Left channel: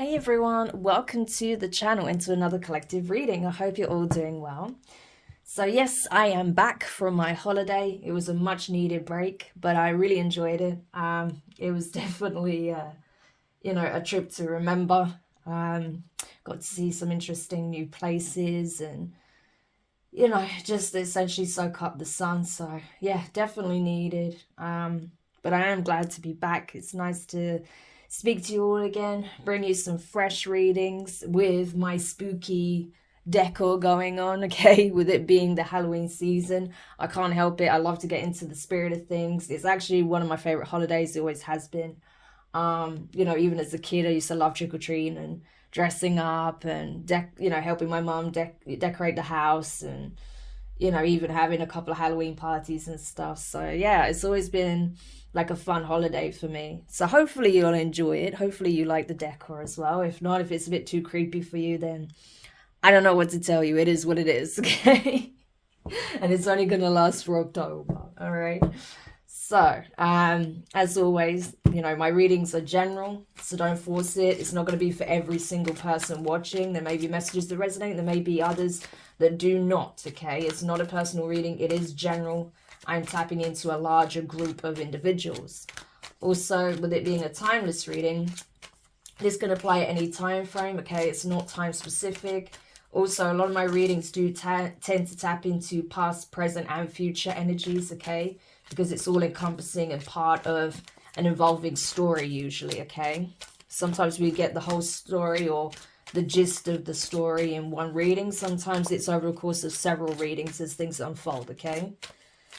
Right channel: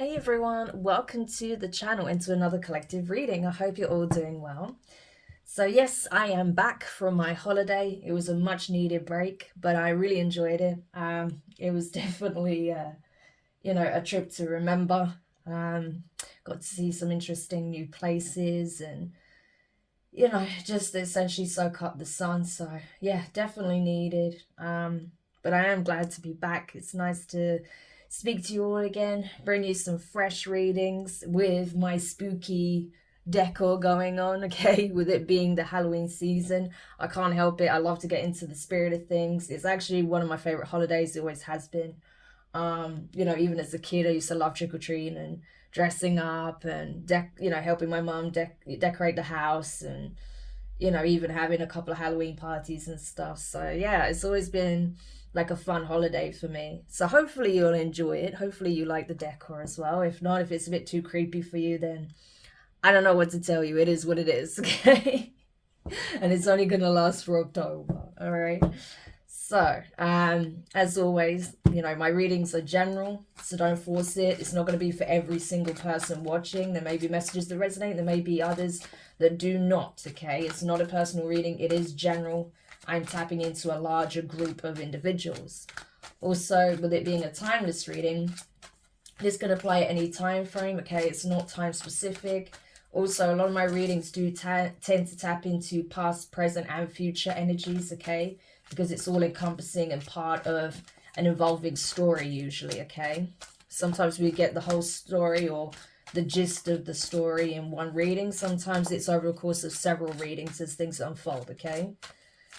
Hey everyone, welcome to the channel and to another collective reading. I hope you're all doing well. So yes, I am back from my holiday. It was a much needed break, but I really enjoyed it. It was definitely, a trip to remember. Got to see some interesting new places and, just essentially soak up the sun. So yeah, definitely needed. But I am glad to be back. It's nice to speak to you all again, bring you some fresh readings with my spooky decor going on, okay, with it being the Halloween season. I can't help it. I love to get into the spirit of things. It's actually one of my favorite holidays. It always has been. Even as a kid, I used to love trick or treating and dressing up and helping my mom decorate the house and even having a couple of Halloween parties and stuff. So yeah, it's always been like a fun holiday for me. So hopefully you'll enjoy it. Hopefully you like the decor as well. If not, if it's a bit too creepy for you, then I don't know what to tell you. It is what it is, okay? And it's only gonna last for October. All right. So, as always, my readings are general, so don't force it. It's not going to be for every single person watching. There may be messages that resonate, there may be others that do not, okay? It's not a personal reading, it is general. I'm tapping into a larger group of individuals. Also, with it being a timeless reading, this can apply at any time frame, okay? It's not time specific. Also, a lot of my readings do tend to tap into past, present, and future energies, okay? Because it's all encompassing and part of an evolving story usually, okay? Sometimes we get the whole story or the gist of the story in one reading. Sometimes it's over a course of several readings as things unfold, okay?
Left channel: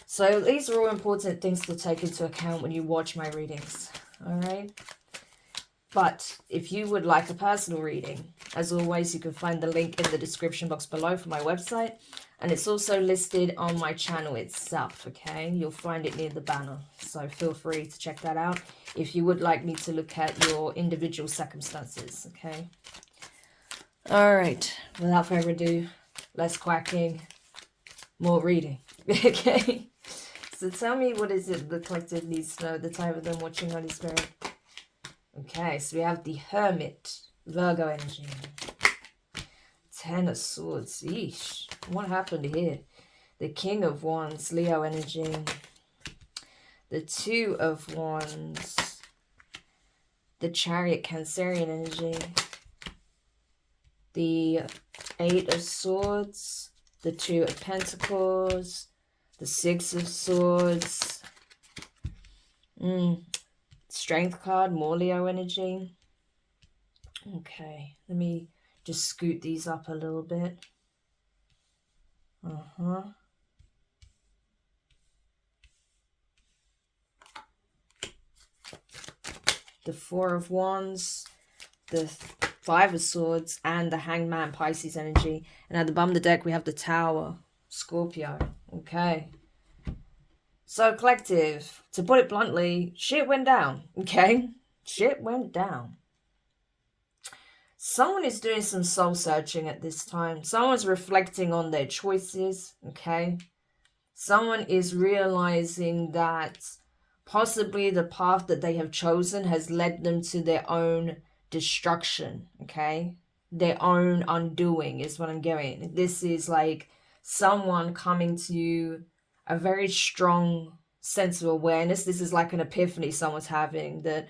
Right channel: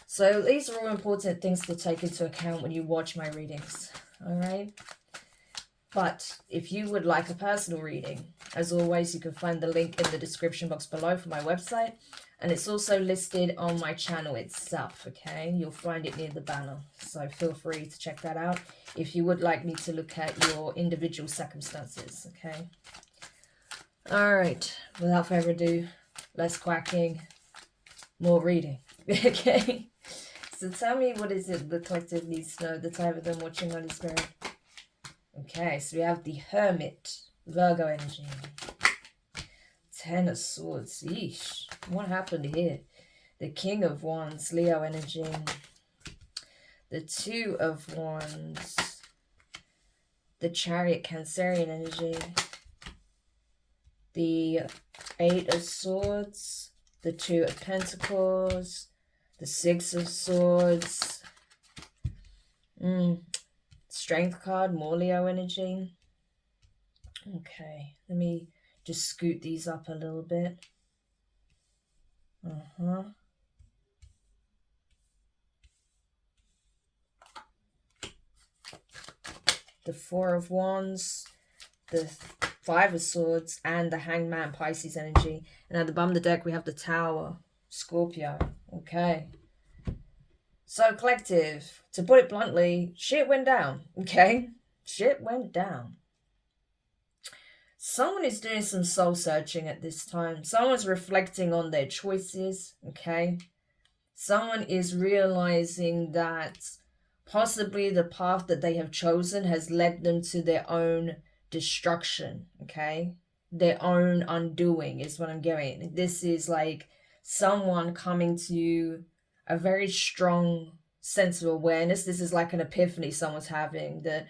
So these are all important things to take into account when you watch my readings, all right? But if you would like a personal reading, as always, you can find the link in the description box below for my website. And it's also listed on my channel itself, okay? You'll find it near the banner. So feel free to check that out if you would like me to look at your individual circumstances, okay? All right, without further ado, less quacking, more reading, okay? So tell me, what is it the collective needs to know, the type of them watching Holy Spirit? Okay, so we have the Hermit, Virgo energy. Ten of Swords, eesh, what happened here? The King of Wands, Leo energy. The Two of Wands, the Chariot, Cancerian energy. The Eight of Swords, the Two of Pentacles, the Six of Swords. Strength card, more Leo energy. Okay, let me just scoot these up a little bit. The Four of Wands, the Five of Swords, and the Hangman, Pisces energy. And at the bottom of the deck, we have the Tower, Scorpio. Okay. So, collective, to put it bluntly, shit went down, okay? Shit went down. Someone is doing some soul searching at this time. Someone's reflecting on their choices, okay? Someone is realizing that possibly the path that they have chosen has led them to their own destruction, okay? Their own undoing is what I'm getting. This is like someone coming to a very strong sense of awareness. This is like an epiphany someone's having, that,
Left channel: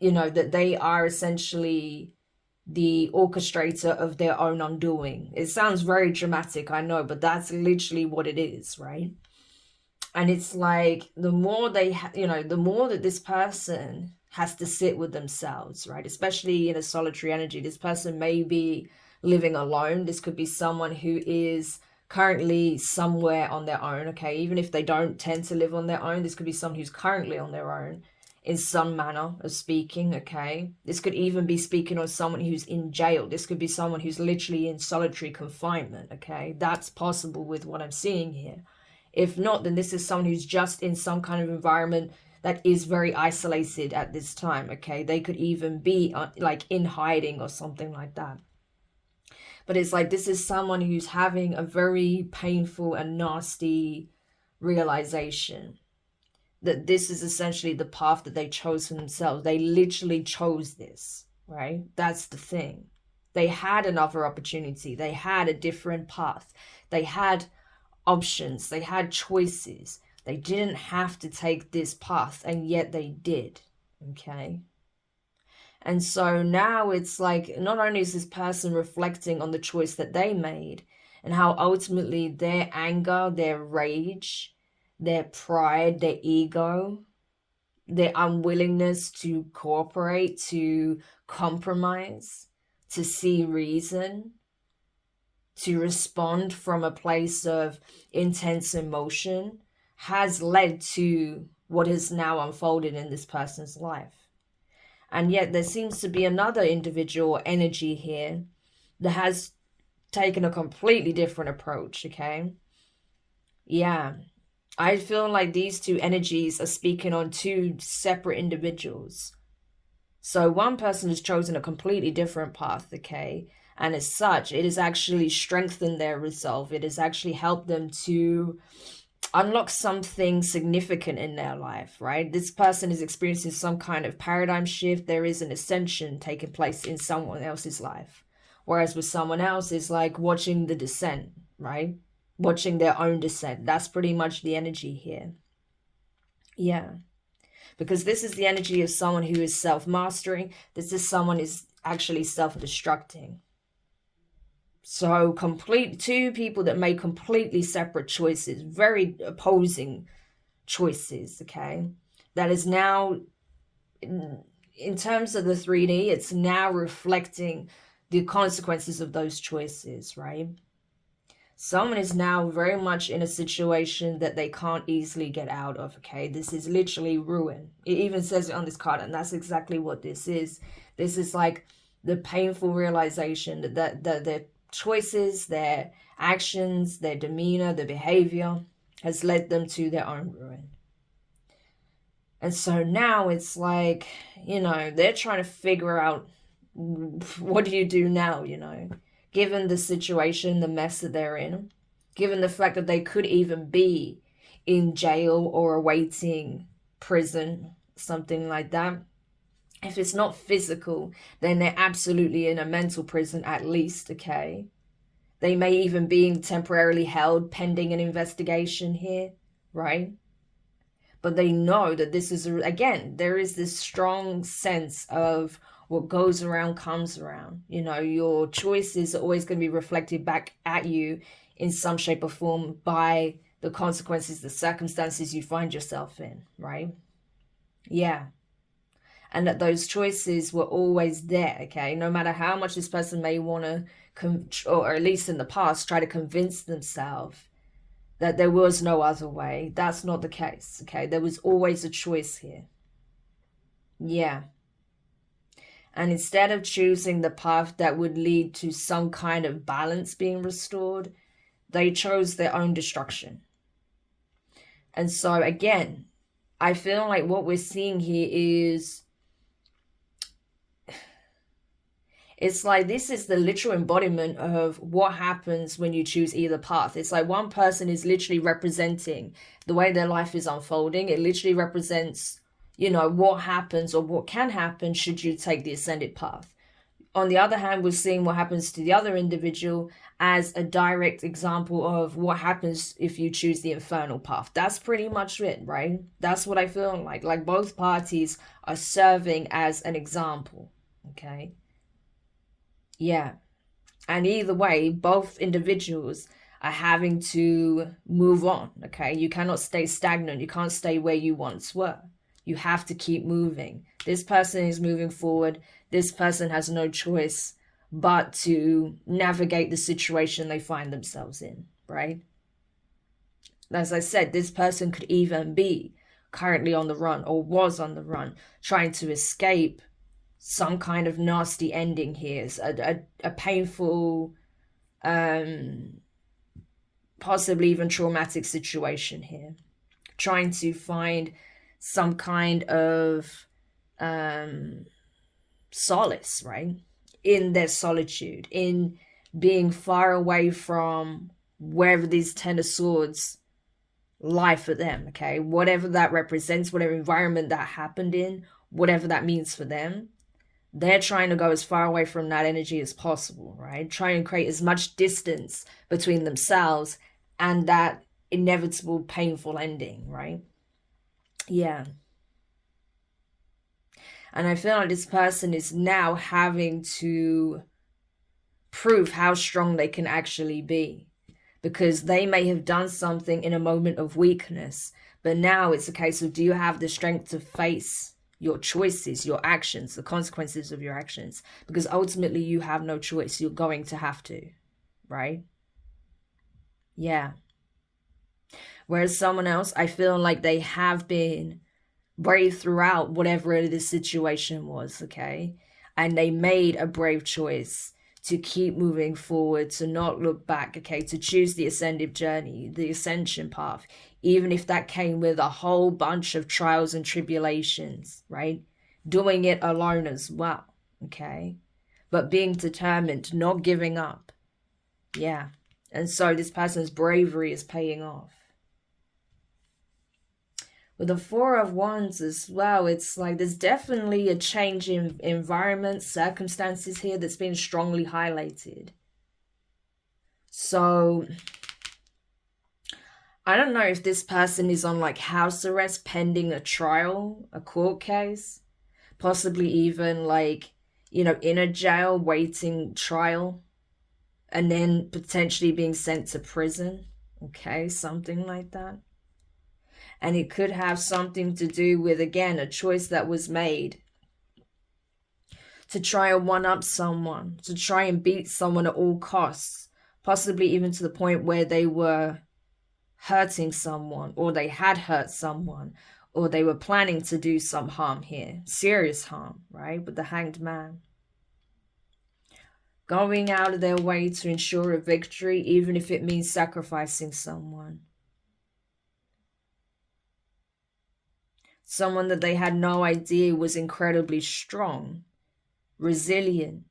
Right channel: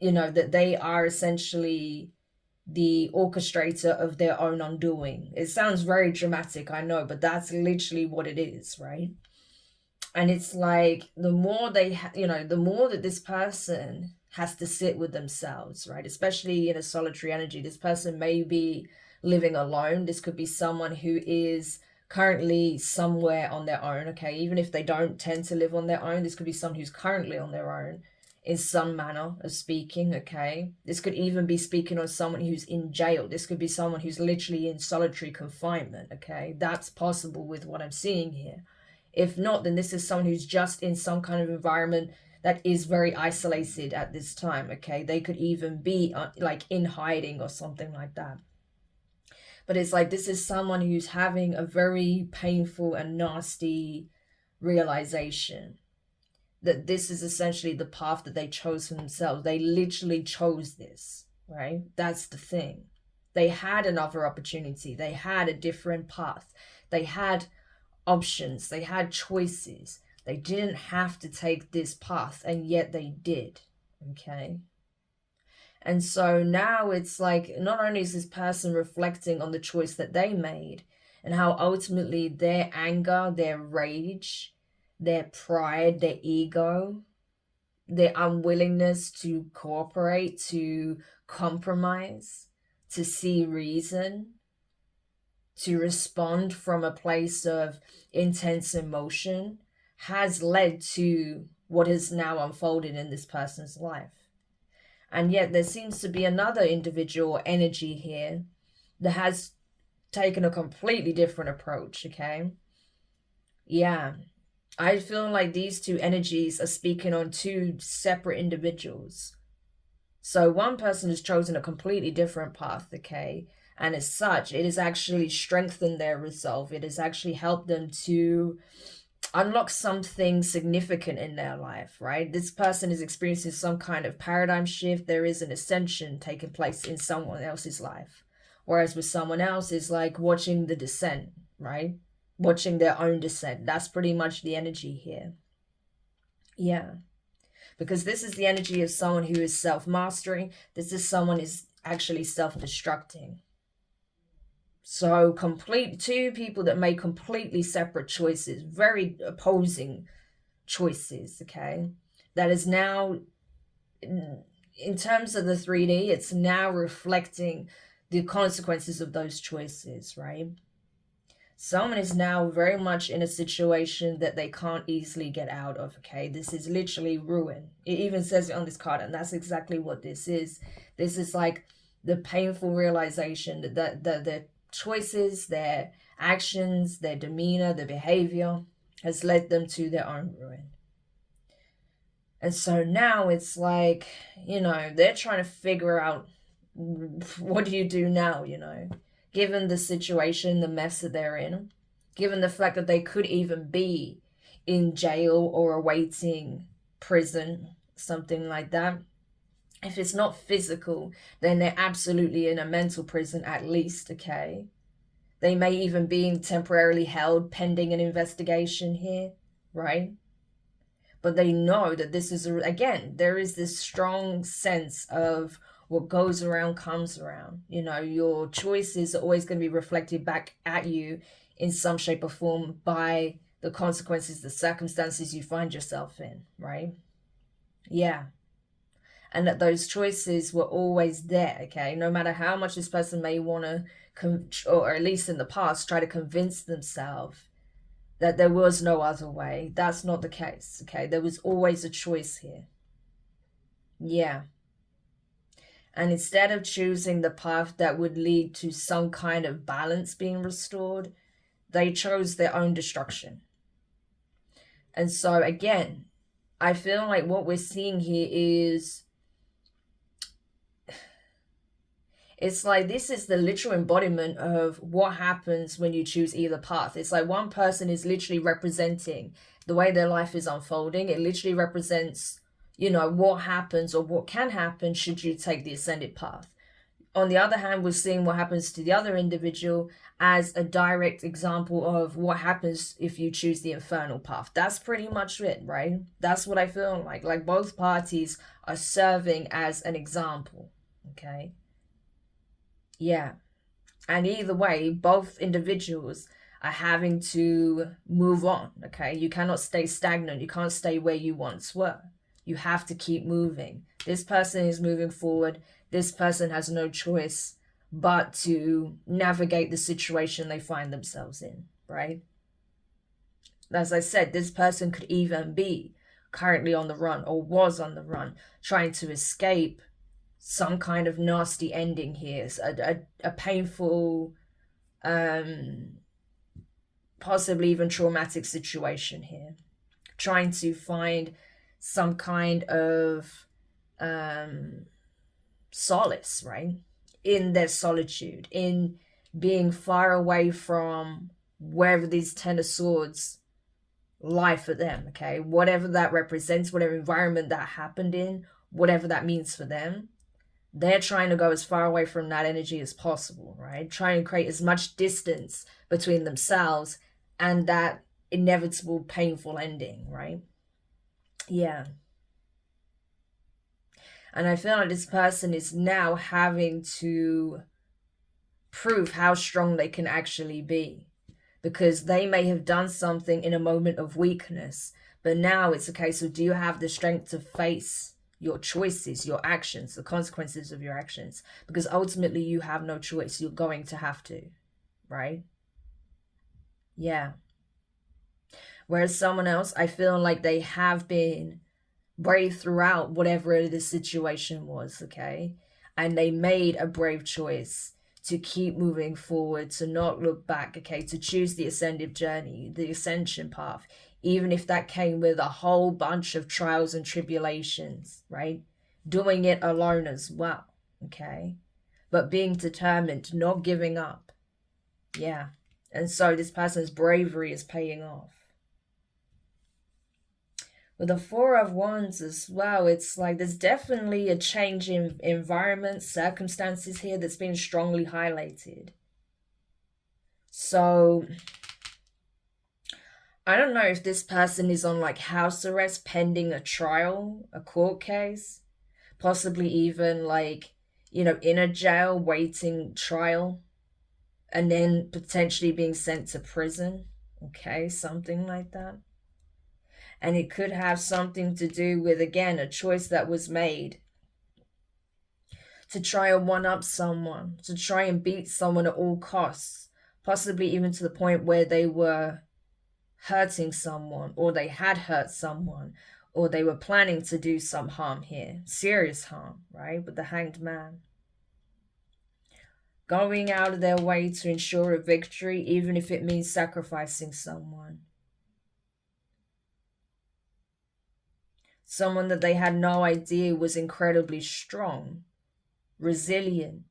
that they are essentially the orchestrator of their own undoing. It sounds very dramatic, I know, but that's literally what it is, right? And it's like the more they, the more that this person has to sit with themselves, right? Especially in a solitary energy. This person may be living alone. This could be someone who is currently somewhere on their own, okay? Even if they don't tend to live on their own, this could be someone who's currently on their own in some manner of speaking, okay? This could even be speaking on someone who's in jail. This could be someone who's literally in solitary confinement, okay? That's possible with what I'm seeing here. If not, then this is someone who's just in some kind of environment that is very isolated at this time, okay? They could even be like in hiding or something like that. But it's like this is someone who's having a very painful and nasty realization that this is essentially the path that they chose for themselves. They literally chose this, right? That's the thing. They had another opportunity, they had a different path, they had options, they had choices. They didn't have to take this path, and yet they did. Okay. And so now it's like, not only is this person reflecting on the choice that they made and how ultimately their anger, their rage, their pride, their ego, their unwillingness to cooperate, to compromise, to see reason, to respond from a place of intense emotion has led to what has now unfolded in this person's life. And yet there seems to be another individual energy here that has taken a completely different approach, okay? Yeah. I feel like these two energies are speaking on two separate individuals. So one person has chosen a completely different path, okay? And as such, it has actually strengthened their resolve. It has actually helped them to unlock something significant in their life, right? This person is experiencing some kind of paradigm shift. There is an ascension taking place in someone else's life. Whereas with someone else, it's like watching the descent, right? Watching their own descent. That's pretty much the energy here. Yeah. Because this is the energy of someone who is self-mastering. This is someone who is actually self-destructing. So two people that make completely separate choices, very opposing choices, okay? That is now, in terms of the 3D, it's now reflecting the consequences of those choices, right? Someone is now very much in a situation that they can't easily get out of, okay? This is literally ruin. It even says it on this card, and that's exactly what this is. This is like the painful realization that the choices, their actions, their demeanor, their behavior has led them to their own ruin. And so now it's like, they're trying to figure out, what do you do now, given the situation, the mess that they're in, given the fact that they could even be in jail or awaiting prison, something like that. If it's not physical, then they're absolutely in a mental prison at least, okay? They may even be temporarily held pending an investigation here, right? But they know that this is, again, there is this strong sense of what goes around comes around. Your choices are always going to be reflected back at you in some shape or form by the consequences, the circumstances you find yourself in, right? Yeah. And that those choices were always there, okay? No matter how much this person may want to, or at least in the past, try to convince themselves that there was no other way. That's not the case, okay? There was always a choice here. Yeah. And instead of choosing the path that would lead to some kind of balance being restored, they chose their own destruction. And so, again, I feel like what we're seeing here is, it's like this is the literal embodiment of what happens when you choose either path. It's like one person is literally representing the way their life is unfolding. It literally represents, what happens or what can happen should you take the ascended path. On the other hand, we're seeing what happens to the other individual as a direct example of what happens if you choose the infernal path. That's pretty much it, right? That's what I feel like. Like both parties are serving as an example, okay? Yeah. And either way, both individuals are having to move on, okay? You cannot stay stagnant. You can't stay where you once were. You have to keep moving. This person is moving forward. This person has no choice but to navigate the situation they find themselves in, right? As I said, this person could even be currently on the run or was on the run, trying to escape some kind of nasty ending here, a painful, possibly even traumatic situation here, trying to find some kind of solace, right, in their solitude, in being far away from wherever these Ten of Swords lie for them, okay? Whatever that represents, whatever environment that happened in, whatever that means for them, they're trying to go as far away from that energy as possible, right? Try and create as much distance between themselves and that inevitable painful ending, right? Yeah. And I feel like this person is now having to prove how strong they can actually be, because they may have done something in a moment of weakness, but now it's a case of, do you have the strength to face your choices, your actions, the consequences of your actions? Because ultimately you have no choice. You're going to have to, right? Yeah. Whereas someone else, I feel like they have been brave throughout whatever the situation was, okay? And they made a brave choice to keep moving forward, to not look back, okay? To choose the ascended journey, the ascension path, even if that came with a whole bunch of trials and tribulations, right? Doing it alone as well, okay? But being determined, not giving up. Yeah. And so this person's bravery is paying off. With the Four of Wands as well, it's like there's definitely a change in environment, circumstances here that's been strongly highlighted. So I don't know if this person is on like house arrest pending a trial, a court case, possibly even like, you know, in a jail waiting trial, and then potentially being sent to prison. Okay, something like that. And it could have something to do with, again, a choice that was made to try and one up someone, to try and beat someone at all costs, possibly even to the point where they were hurting someone, or they had hurt someone, or they were planning to do some harm here, serious harm, right? With the Hanged Man. Going out of their way to ensure a victory, even if it means sacrificing someone. Someone that they had no idea was incredibly strong, resilient,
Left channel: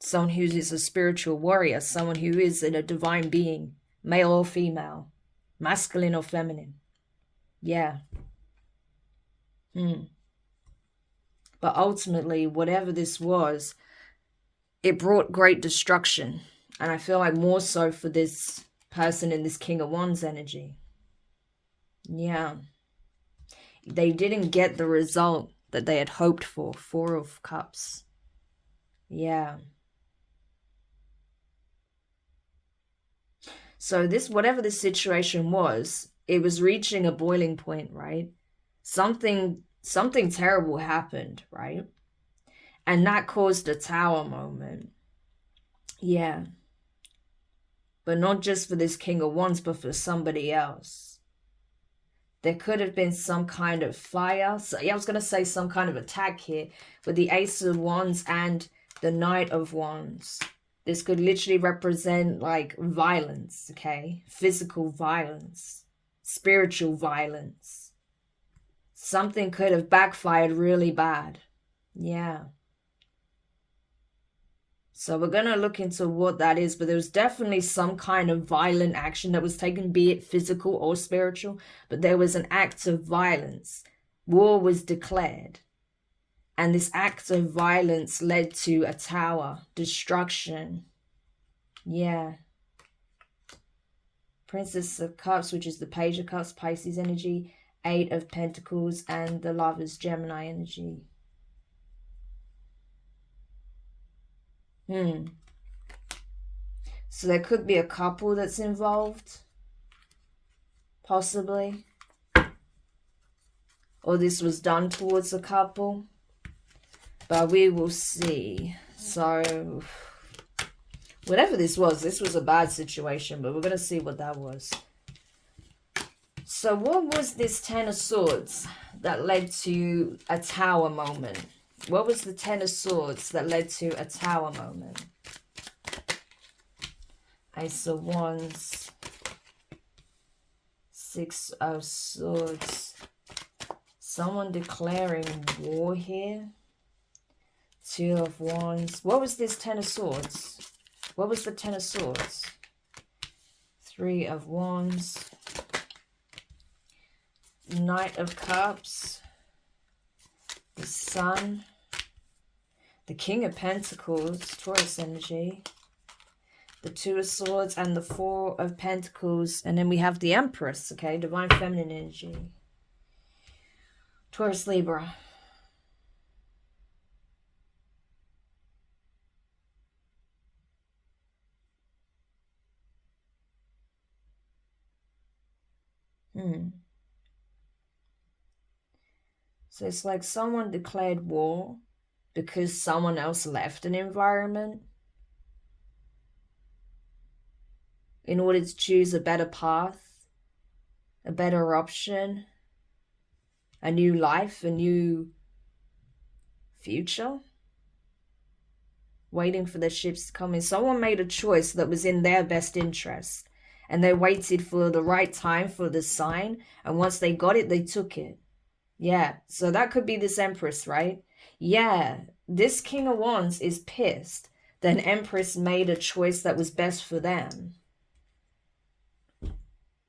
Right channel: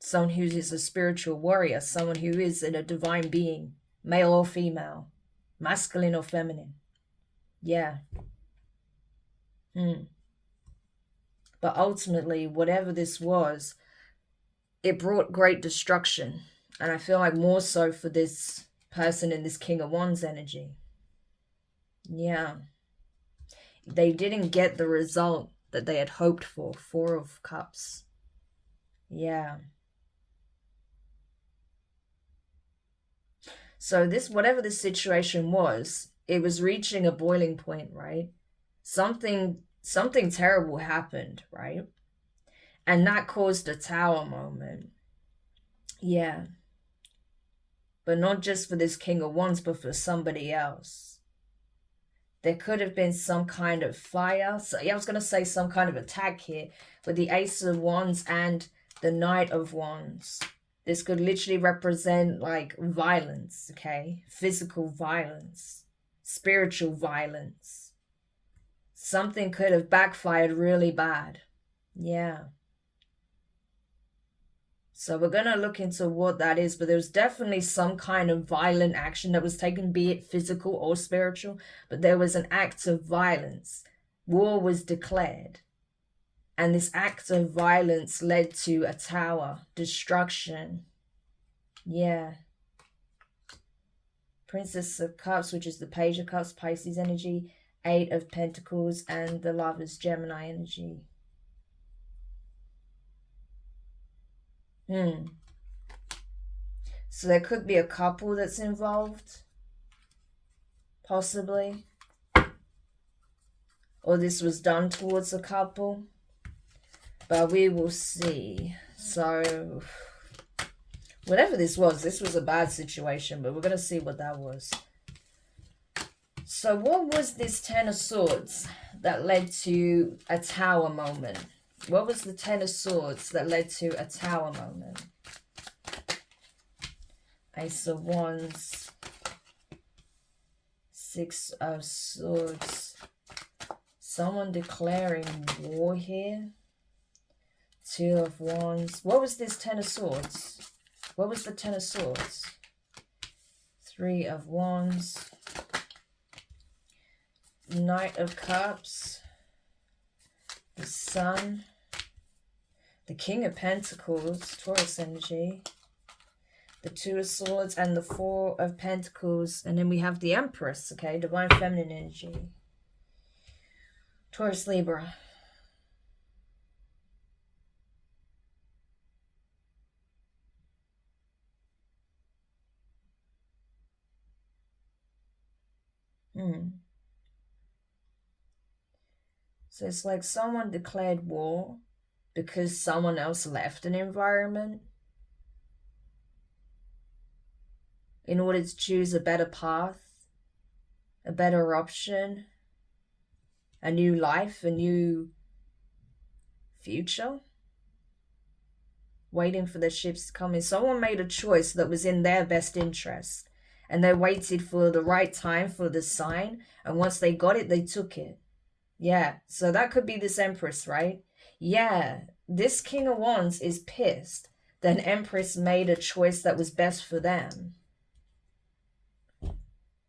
someone who is a spiritual warrior, someone who is in a divine being, male or female, masculine or feminine. Yeah. But ultimately, whatever this was, it brought great destruction. And I feel like more so for this person in this King of Wands energy. Yeah. They didn't get the result that they had hoped for. Four of Cups. Yeah. So this, whatever this situation was, it was reaching a boiling point, right? Something terrible happened, right? And that caused a tower moment. Yeah. But not just for this King of Wands, but for somebody else. There could have been some kind of fire. So yeah, I was going to say some kind of attack here with the Ace of Wands and the Knight of Wands. This could literally represent like violence, okay? Physical violence, spiritual violence. Something could have backfired really bad. Yeah. So we're going to look into what that is, but there was definitely some kind of violent action that was taken, be it physical or spiritual, but there was an act of violence. War was declared. And this act of violence led to a tower, destruction. Yeah. Princess of Cups, which is the Page of Cups, Pisces energy, Eight of Pentacles, and the Lovers, Gemini energy. So there could be a couple that's involved, possibly. Or this was done towards a couple. But we will see. So, whatever this was a bad situation, but we're going to see what that was. So what was this Ten of Swords that led to a tower moment? What was the Ten of Swords that led to a tower moment? Ace of Wands. Six of Swords. Someone declaring war here. Two of Wands. What was this Ten of Swords? What was the Ten of Swords? Three of Wands. Knight of Cups. The Sun. The King of Pentacles, Taurus energy. The Two of Swords and the Four of Pentacles. And then we have the Empress, okay? Divine Feminine energy. Taurus, Libra. So it's like someone declared war because someone else left an environment in order to choose a better path, a better option, a new life, a new future, waiting for the ships to come in. Someone made a choice that was in their best interest, and they waited for the right time for the sign, and once they got it, they took it. Yeah, so that could be this Empress, right? Yeah, this King of Wands is pissed that an Empress made a choice that was best for them.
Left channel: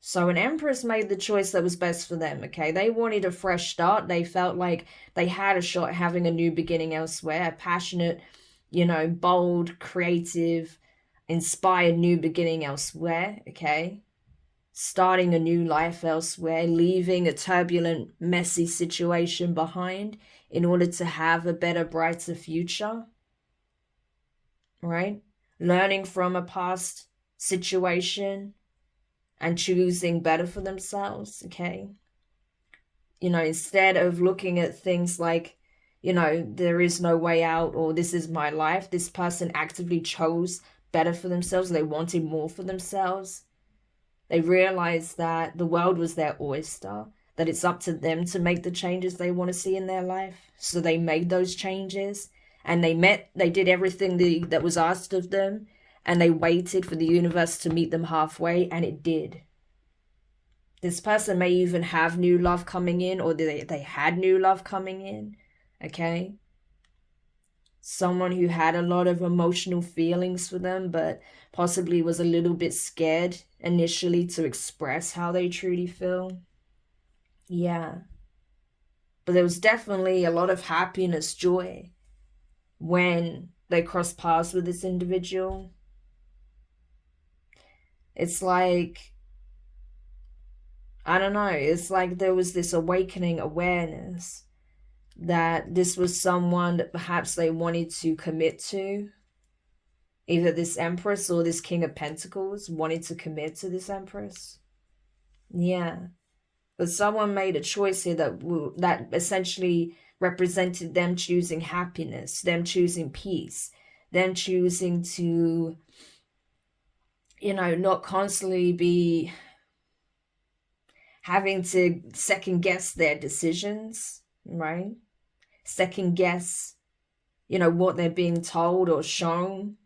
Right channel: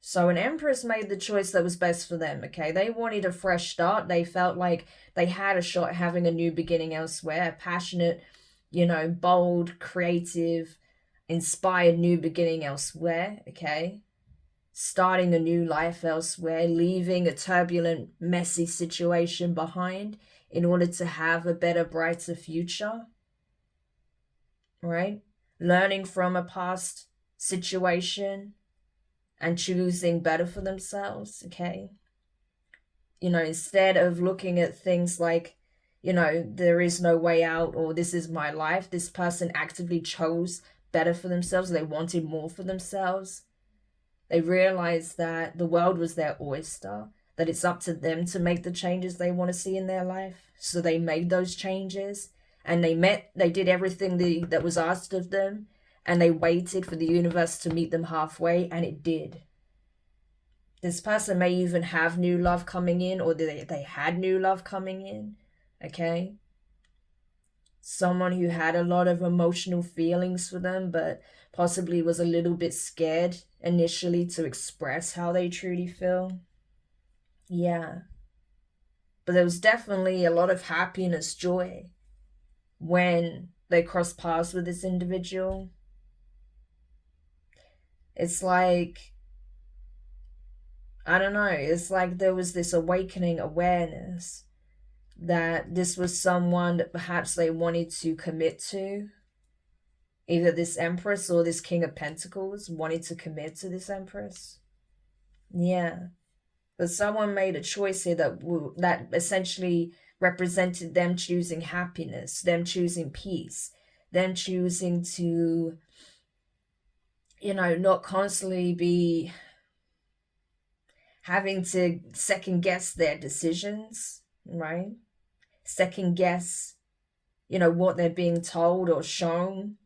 So an Empress made the choice that was best for them, okay? They wanted a fresh start. They felt like they had a shot at having a new beginning elsewhere. A passionate, you know, bold, creative, inspired new beginning elsewhere, okay? Starting a new life elsewhere, leaving a turbulent, messy situation behind in order to have a better, brighter future, right? Learning from a past situation and choosing better for themselves, okay? You know, instead of looking at things like, you know, there is no way out or this is my life, this person actively chose better for themselves. They wanted more for themselves. They realized that the world was their oyster, that it's up to them to make the changes they want to see in their life. So they made those changes and they did everything that was asked of them, and they waited for the universe to meet them halfway, and it did. This person may even have new love coming in, or they had new love coming in, okay? Someone who had a lot of emotional feelings for them, but possibly was a little bit scared initially to express how they truly feel. Yeah. But there was definitely a lot of happiness, joy when they crossed paths with this individual. It's like, I don't know, it's like there was this awakening awareness that this was someone that perhaps they wanted to commit to. Either this Empress or this King of Pentacles wanted to commit to this Empress. Yeah. But someone made a choice here that essentially represented them choosing happiness, them choosing peace, them choosing to, you know, not constantly be having to second guess their decisions, right? Second guess, you know, what they're being told or shown.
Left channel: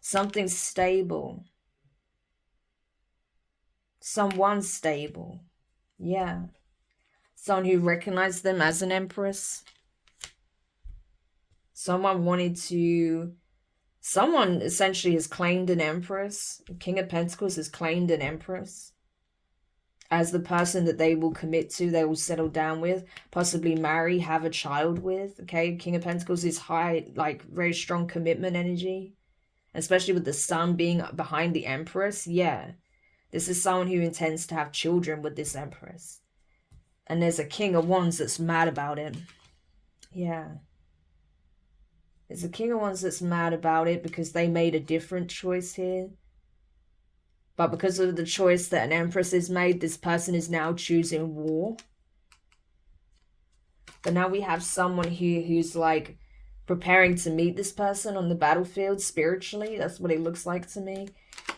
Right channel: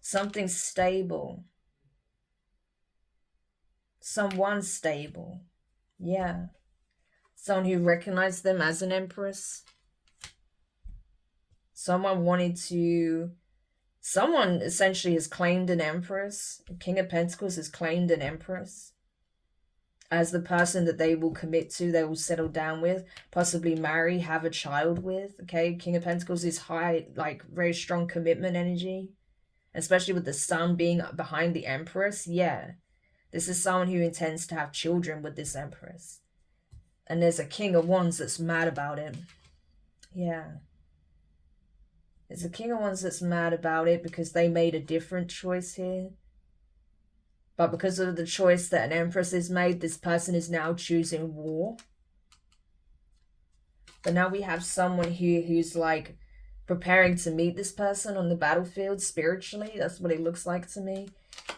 Something stable. Someone stable. Yeah. Someone who recognized them as an Empress. Someone essentially has claimed an Empress. The King of Pentacles has claimed an Empress as the person that they will commit to, they will settle down with, possibly marry, have a child with, okay? King of Pentacles is high, like very strong commitment energy, especially with the sun being behind the Empress. Yeah, this is someone who intends to have children with this Empress. And there's a King of Wands that's mad about it. Yeah. There's a King of Wands that's mad about it because they made a different choice here. But because of the choice that an Empress has made, this person is now choosing war. But now we have someone here who's like preparing to meet this person on the battlefield spiritually. That's what it looks like to me.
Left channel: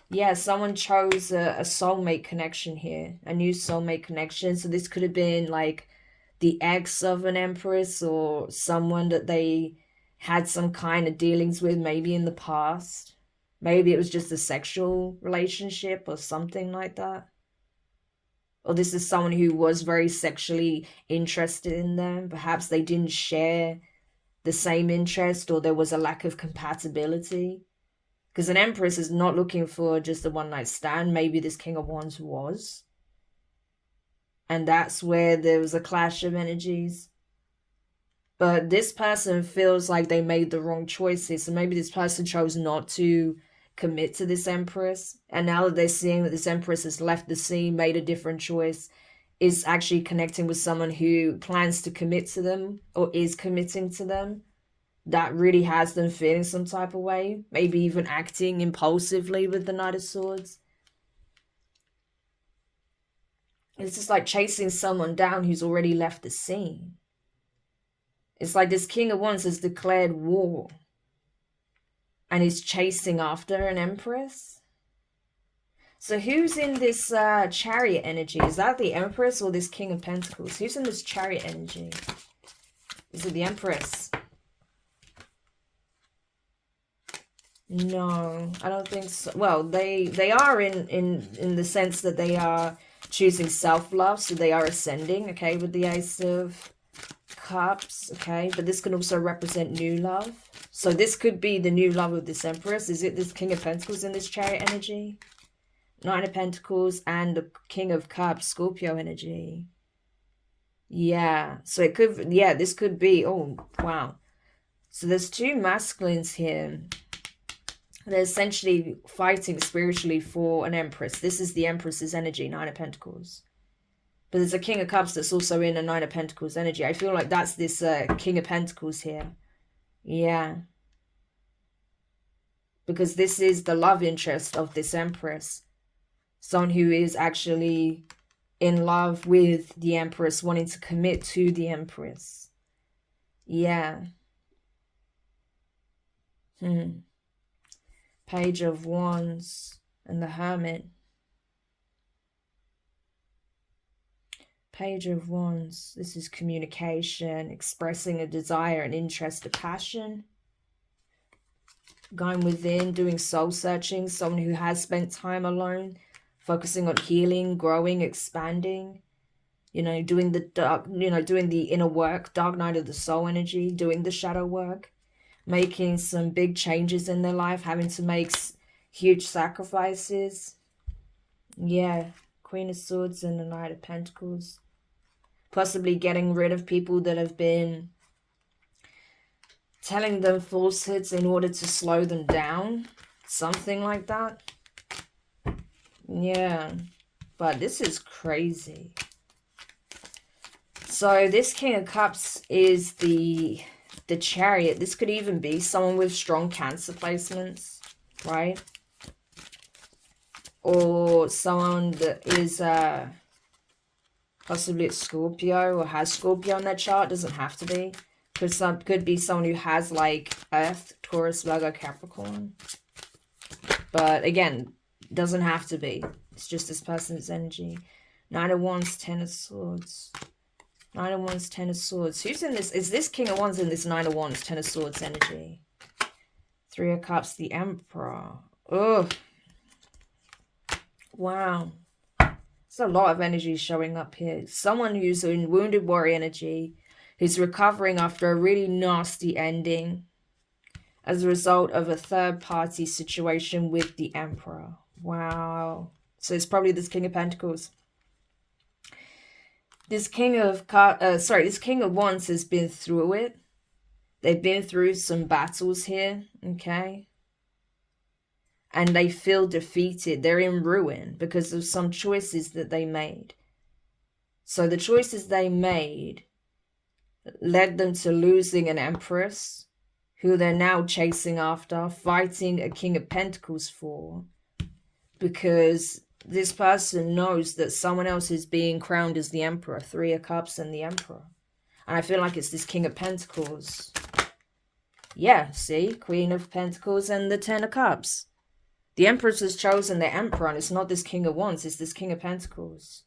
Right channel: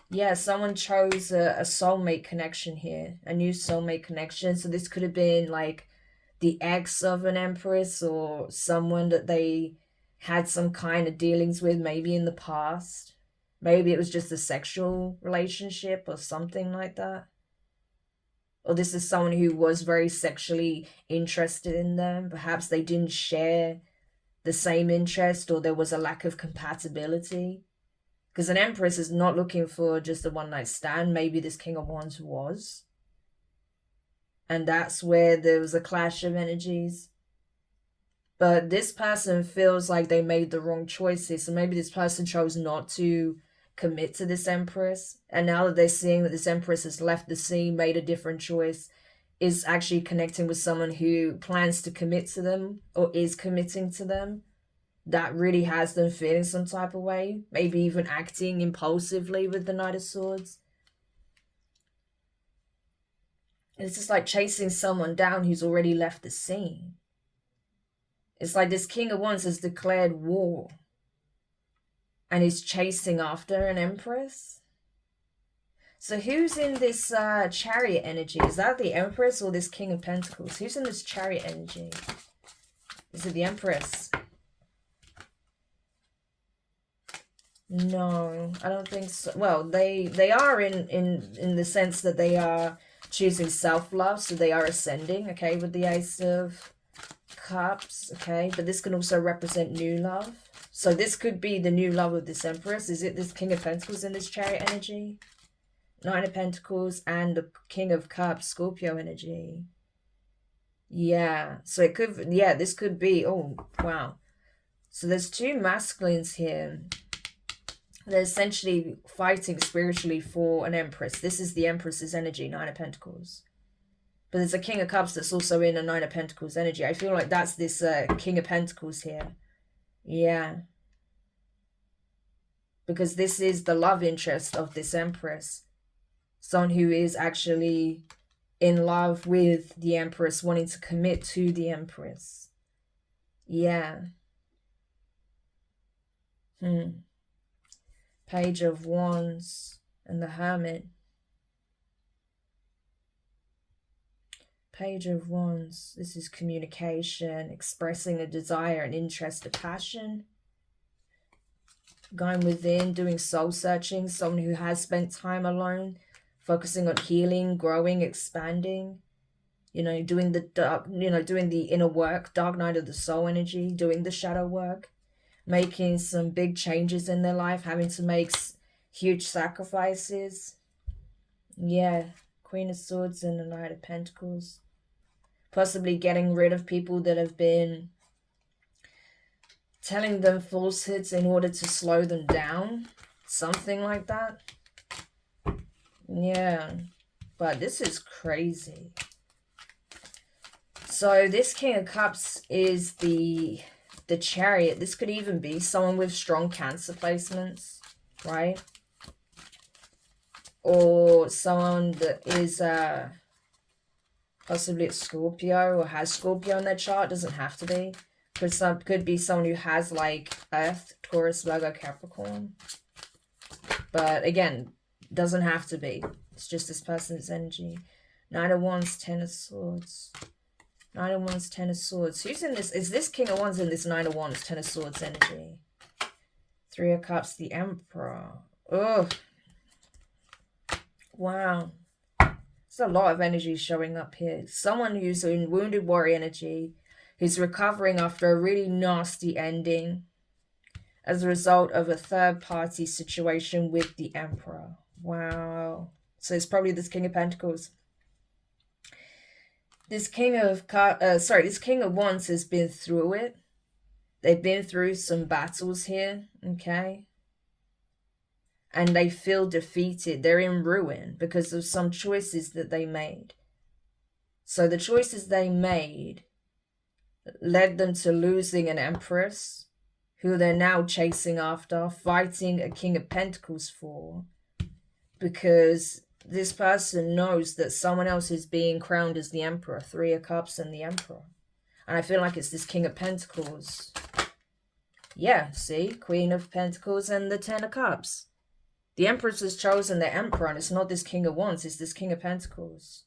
Yeah, someone chose a soulmate connection here, a new soulmate connection. So this could have been like the ex of an Empress or someone that they had some kind of dealings with maybe in the past. Maybe it was just a sexual relationship or something like that. Or this is someone who was very sexually interested in them. Perhaps they didn't share the same interest, or there was a lack of compatibility. Because an Empress is not looking for just a one-night stand. Maybe this King of Wands was. And that's where there was a clash of energies. But this person feels like they made the wrong choices. So maybe this person chose not to commit to this empress. And now that they're seeing that this empress has left the scene, made a different choice, is actually connecting with someone who plans to commit to them or is committing to them, that really has them feeling some type of way, maybe even acting impulsively with the Knight of Swords. It's just like chasing someone down who's already left the scene. It's like this King of Wands has declared war and is chasing after an empress. So who's in this chariot energy? Is that the empress or this King of Pentacles? Who's in this chariot energy? Is it the empress? No, I don't think so. Well, they are in the sense that they are choosing self-love, so they are ascending, okay, with the Ace of Cups, okay, but this can also represent new love. So this could be the new love of this empress. Is it this King of Pentacles in this chariot energy? Nine of Pentacles and the King of Cups, Scorpio energy. Yeah, so it could, yeah, this could be, oh, wow. So there's two masculines here. They're essentially fighting spiritually for an empress. This is the empress's energy, Nine of Pentacles. But there's a King of Cups that's also in a Nine of Pentacles energy. I feel like that's this King of Pentacles here. Yeah. Because this is the love interest of this empress. Someone who is actually in love with the empress, wanting to commit to the empress. Yeah. Page of Wands and the Hermit. Page of Wands. This is communication, expressing a desire, an interest, a passion. Going within, doing soul searching. Someone who has spent time alone, focusing on healing, growing, expanding. You know, doing the dark, you know, doing the inner work, dark night of the soul energy, doing the shadow work, making some big changes in their life, having to make huge sacrifices. Yeah, Queen of Swords and the Knight of Pentacles. Possibly getting rid of people that have been telling them falsehoods in order to slow them down. Something like that. Yeah, but this is crazy. So this King of Cups is the Chariot. This could even be someone with strong Cancer placements, right? Or someone that is possibly a Scorpio or has Scorpio on their chart. Doesn't have to be. Could be someone who has like Earth, Taurus, Virgo, Capricorn. But again, doesn't have to be. It's just this person's energy. Nine of Wands, Ten of Swords. Nine of Wands, Ten of Swords. Who's in this? Is this King of Wands in this Nine of Wands, Ten of Swords energy? Three of Cups, the Emperor. Oh. Wow. There's a lot of energy showing up here. Someone who's in wounded warrior energy, who's recovering after a really nasty ending as a result of a third-party situation with the Emperor. Wow. So it's probably this King of Pentacles. This King of Wands has been through it. They've been through some battles here, okay? And they feel defeated. They're in ruin because of some choices that they made. So the choices they made led them to losing an Empress, who they're now chasing after, fighting a King of Pentacles for, because this person knows that someone else is being crowned as the Emperor. Three of Cups and the Emperor. And I feel like it's this King of Pentacles. Yeah, see? Queen of Pentacles and the Ten of Cups. The Empress has chosen the Emperor, and it's not this King of Wands, it's this King of Pentacles.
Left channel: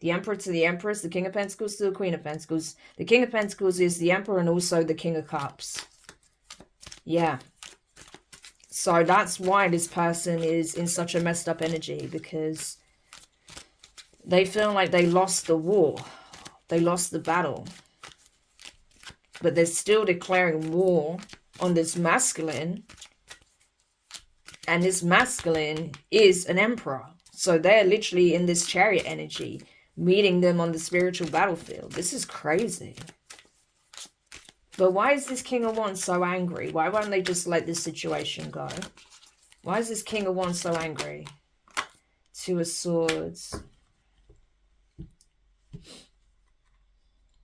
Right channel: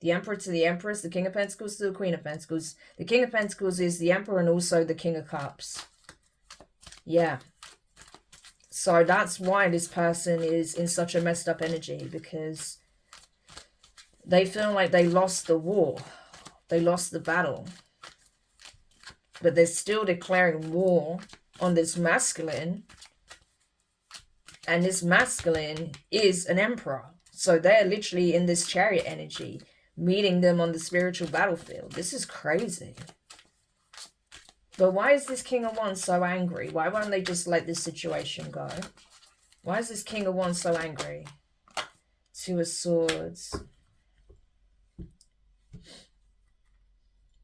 The Emperor to the Empress, the King of Pentacles to the Queen of Pentacles. The King of Pentacles is the Emperor and also the King of Cups. Yeah. So that's why this person is in such a messed up energy, because they feel like they lost the war. They lost the battle. But they're still declaring war on this masculine. And this masculine is an emperor. So they're literally in this chariot energy, meeting them on the spiritual battlefield. This is crazy. But why is this King of Wands so angry? Why won't they just let this situation go? Why is this King of Wands so angry? Two of Swords.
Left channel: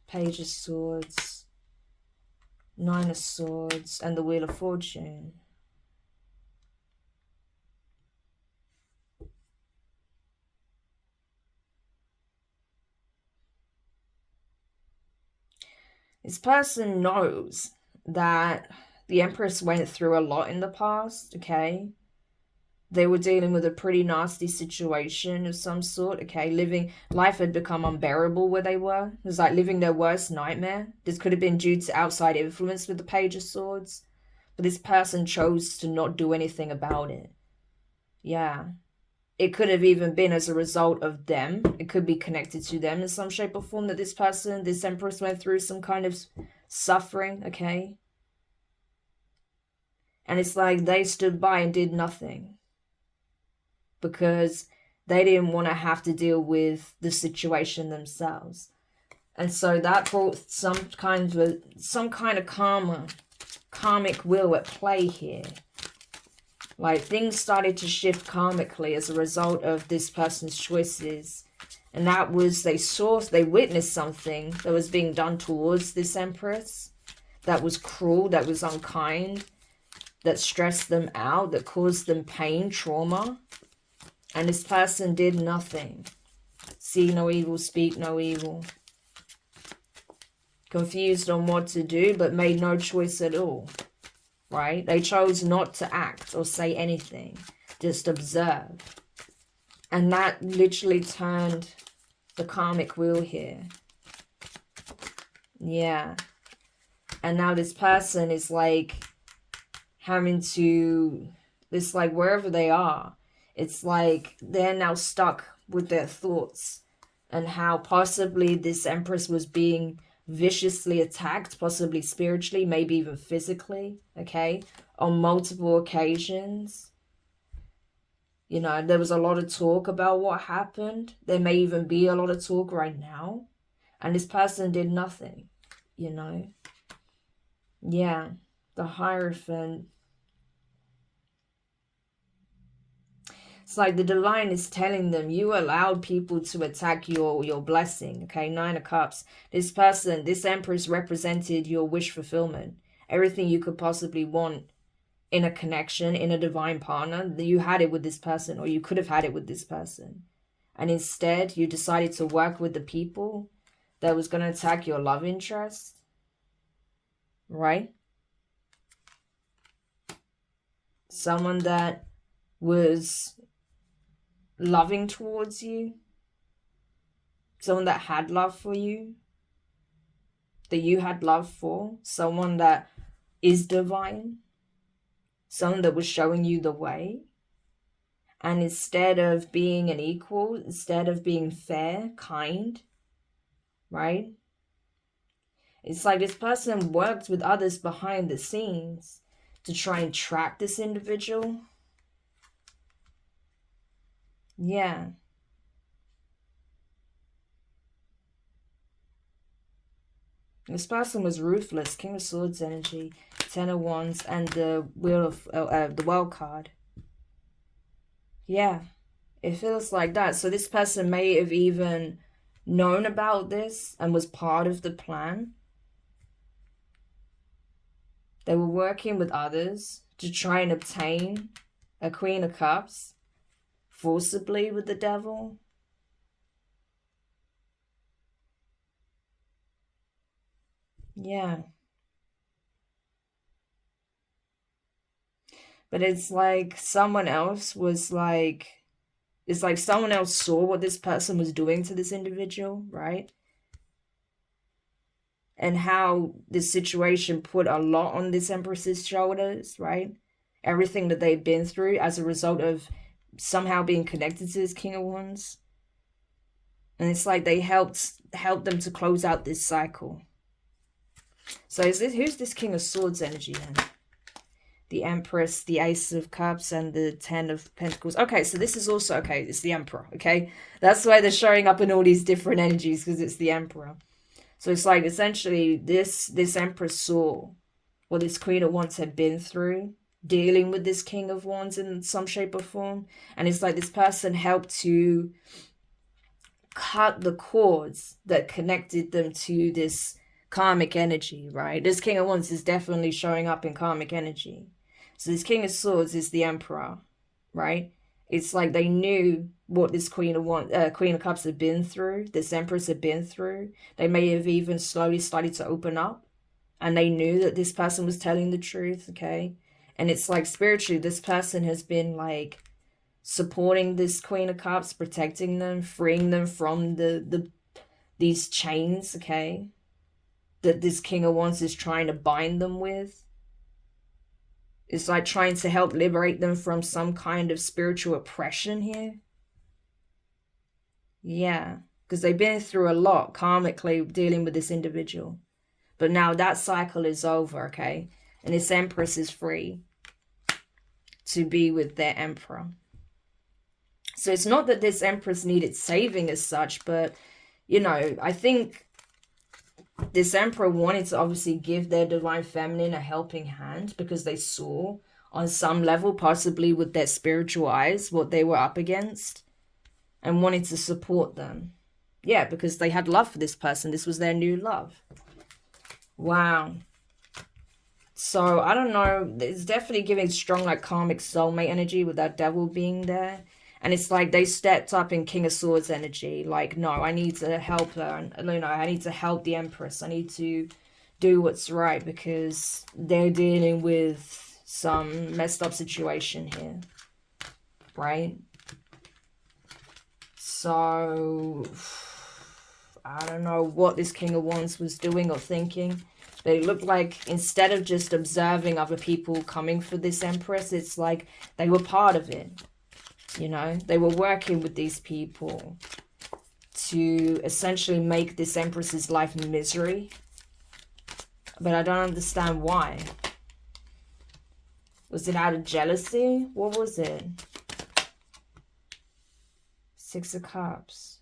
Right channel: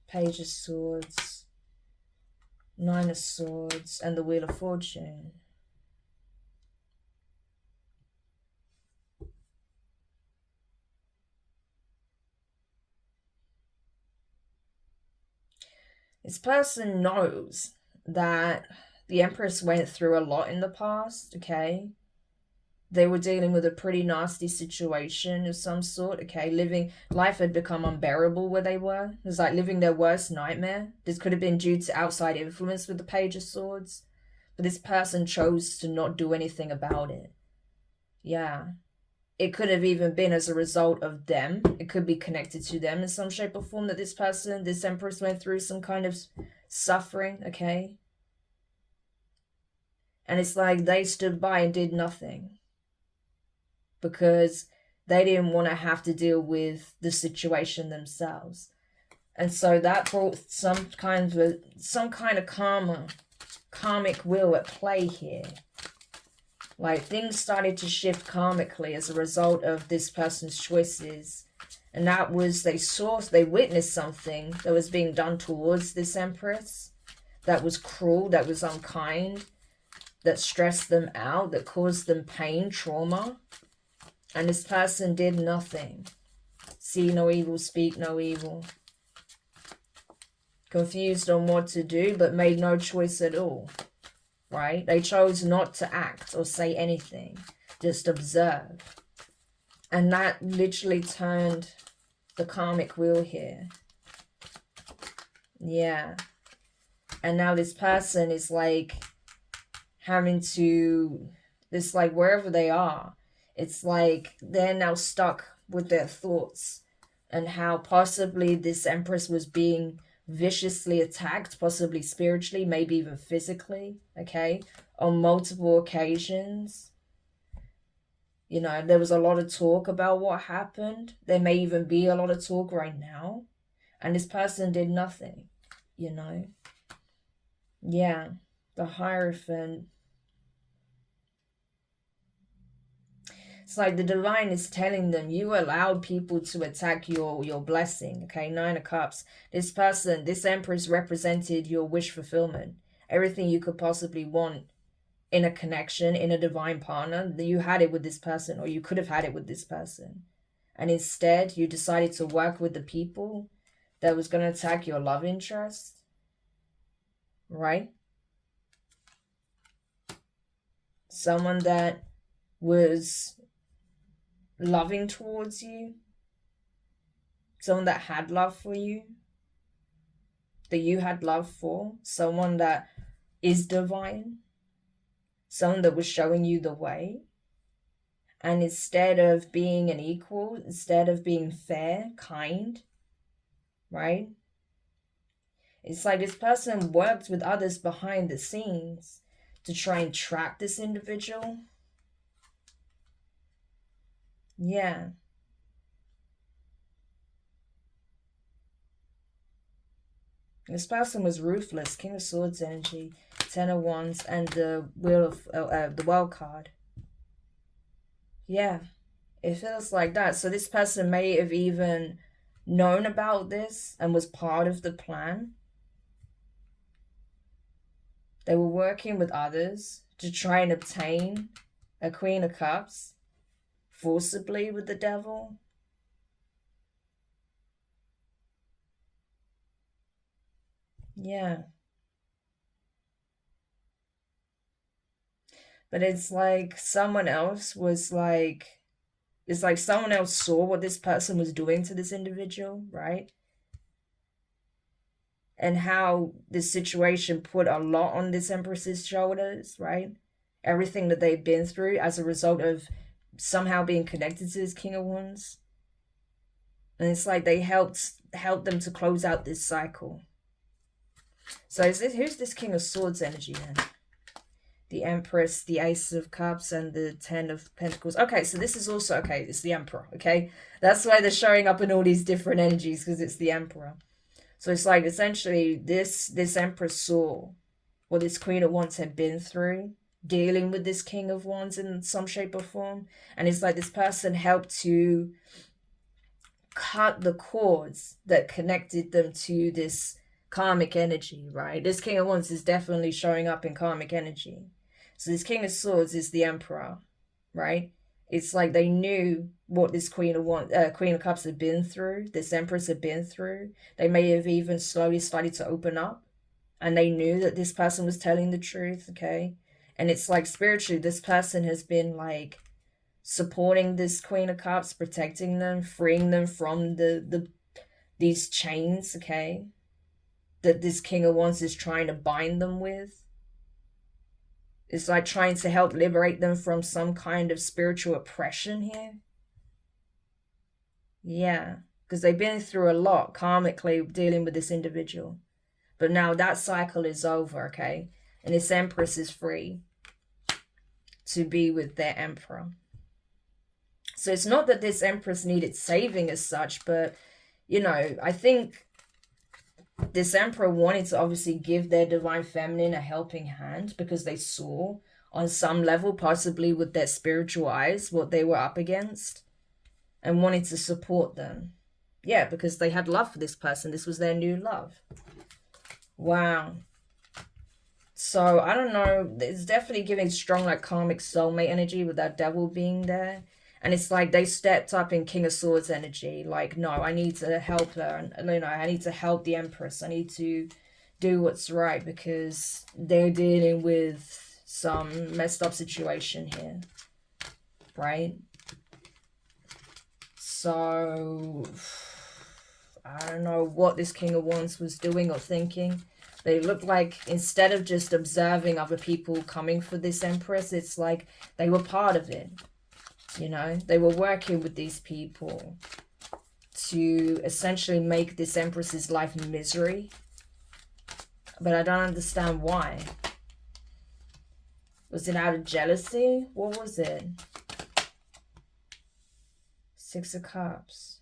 Page of Swords. Nine of Swords. And the Wheel of Fortune. This person knows that the Empress went through a lot in the past, okay? They were dealing with a pretty nasty situation of some sort, okay? Life had become unbearable where they were. It was like living their worst nightmare. This could have been due to outside influence with the Page of Swords. But this person chose to not do anything about it. Yeah. It could have even been as a result of them. It could be connected to them in some shape or form that this Empress went through some kind of suffering, okay? And it's like they stood by and did nothing. Because they didn't want to have to deal with the situation themselves. And so that brought some kind of karmic will at play here. Like things started to shift karmically as a result of this person's choices. And that was, they witnessed something that was being done towards this Empress that was cruel, that was unkind, that stressed them out, that caused them pain, trauma. And this person did nothing. See no evil, speak no evil. Confused on what to do, but made no choice at all. Right? They chose not to act or say anything. Just observe. And that literally turned the karmic wheel here. Yeah. And now this person is like having to, this like wherever they are, it's like they're now stuck with their thoughts and how possibly this Empress was being viciously attacked, possibly spiritually, maybe even physically, okay, on multiple occasions. You know, there was a lot of talk about what happened. There may even be a lot of talk right now. And this person did nothing, you know. Yeah, the Hierophant. It's like the divine is telling them, you allowed people to attack your blessing, okay? Nine of Cups. This person, this Empress represented your wish fulfillment. Everything you could possibly want in a connection, in a divine partner, you had it with this person, or you could have had it with this person. And instead, you decided to work with the people that was going to attack your love interest, right? Someone that was loving towards you, someone that had love for you, that you had love for, someone that is divine, someone that was showing you the way. And instead of being an equal, instead of being fair, kind, right? It's like this person worked with others behind the scenes to try and trap this individual. Yeah. This person was ruthless. King of Swords energy, Ten of Wands, and the Wheel of the World card. Yeah, it feels like that. So this person may have even known about this and was part of the plan. They were working with others to try and obtain a Queen of Cups forcibly with the Devil. Yeah. But it's like someone else was like, it's like someone else saw what this person was doing to this individual, right? And how this situation put a lot on this Empress's shoulders, right? Everything that they've been through as a result of somehow being connected to this King of Wands. And it's like they helped them to close out this cycle. So who's this King of Swords energy then? The Empress, the Ace of Cups, and the Ten of Pentacles. Okay, so this is also, okay, it's the Emperor, okay? That's why they're showing up in all these different energies, because it's the Emperor. So it's like essentially this Empress saw what this Queen of Wands had been through, dealing with this King of Wands in some shape or form. And it's like this person helped to cut the cords that connected them to this karmic energy, right? This King of Wands is definitely showing up in karmic energy. So this King of Swords is the Emperor, right? It's like they knew what this Queen of Cups had been through, this Empress had been through. They may have even slowly started to open up, and they knew that this person was telling the truth, okay? And it's like spiritually, this person has been like supporting this Queen of Cups, protecting them, freeing them from these chains, okay, that this King of Wands is trying to bind them with. It's like trying to help liberate them from some kind of spiritual oppression here. Yeah, because they've been through a lot karmically dealing with this individual. But now that cycle is over, okay? And this Empress is free to be with their Emperor. So it's not that this Empress needed saving as such, but, you know, I think this Emperor wanted to obviously give their Divine Feminine a helping hand because they saw on some level, possibly with their spiritual eyes, what they were up against and wanted to support them. Yeah, because they had love for this person. This was their new love. Wow. So, I don't know. It's definitely giving strong, like, karmic soulmate energy with that devil being there. And it's like they stepped up in King of Swords energy. Like, no, I need to help her. And, you know, I need to help the Empress. I need to do what's right because they're dealing with some messed up situation here. Right? So, I don't know what this King of Wands was doing or thinking. They looked like instead of just observing other people coming for this Empress, it's like they were part of it. You know, they were working with these people to essentially make this Empress's life misery. But I don't understand why. Was it out of jealousy? What was it? Six of Cups.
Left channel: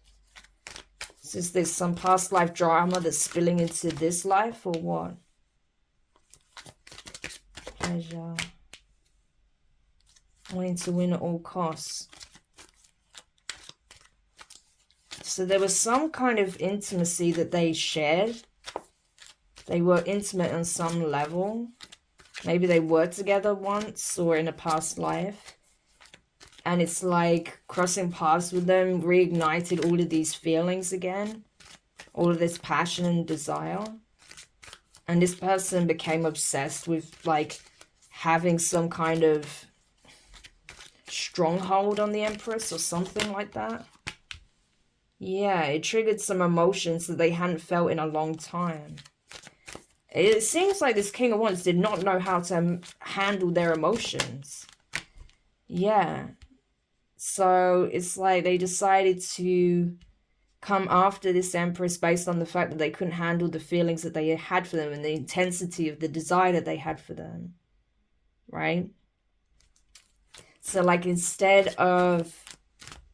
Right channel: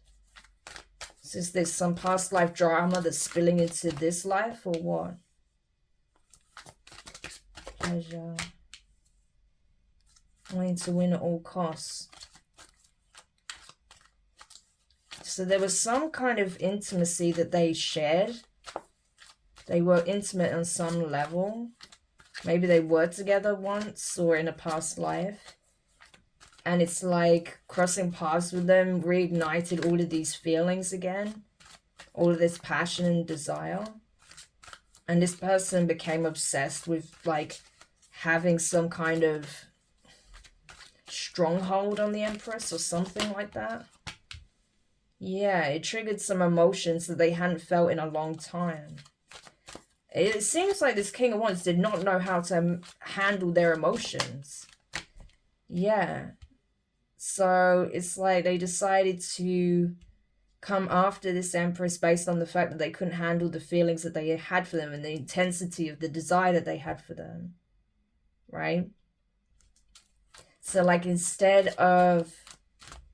Is there some past life drama that's spilling into this life or what? Pleasure. Wanting to win at all costs. So there was some kind of intimacy that they shared. They were intimate on some level. Maybe they were together once or in a past life. And it's like crossing paths with them reignited all of these feelings again. All of this passion and desire. And this person became obsessed with like having some kind of stronghold on the Empress or something like that. Yeah, it triggered some emotions that they hadn't felt in a long time. It seems like this King of Wands did not know how to handle their emotions. Yeah. So it's like they decided to come after this Empress based on the fact that they couldn't handle the feelings that they had for them and the intensity of the desire that they had for them. Right? So like instead of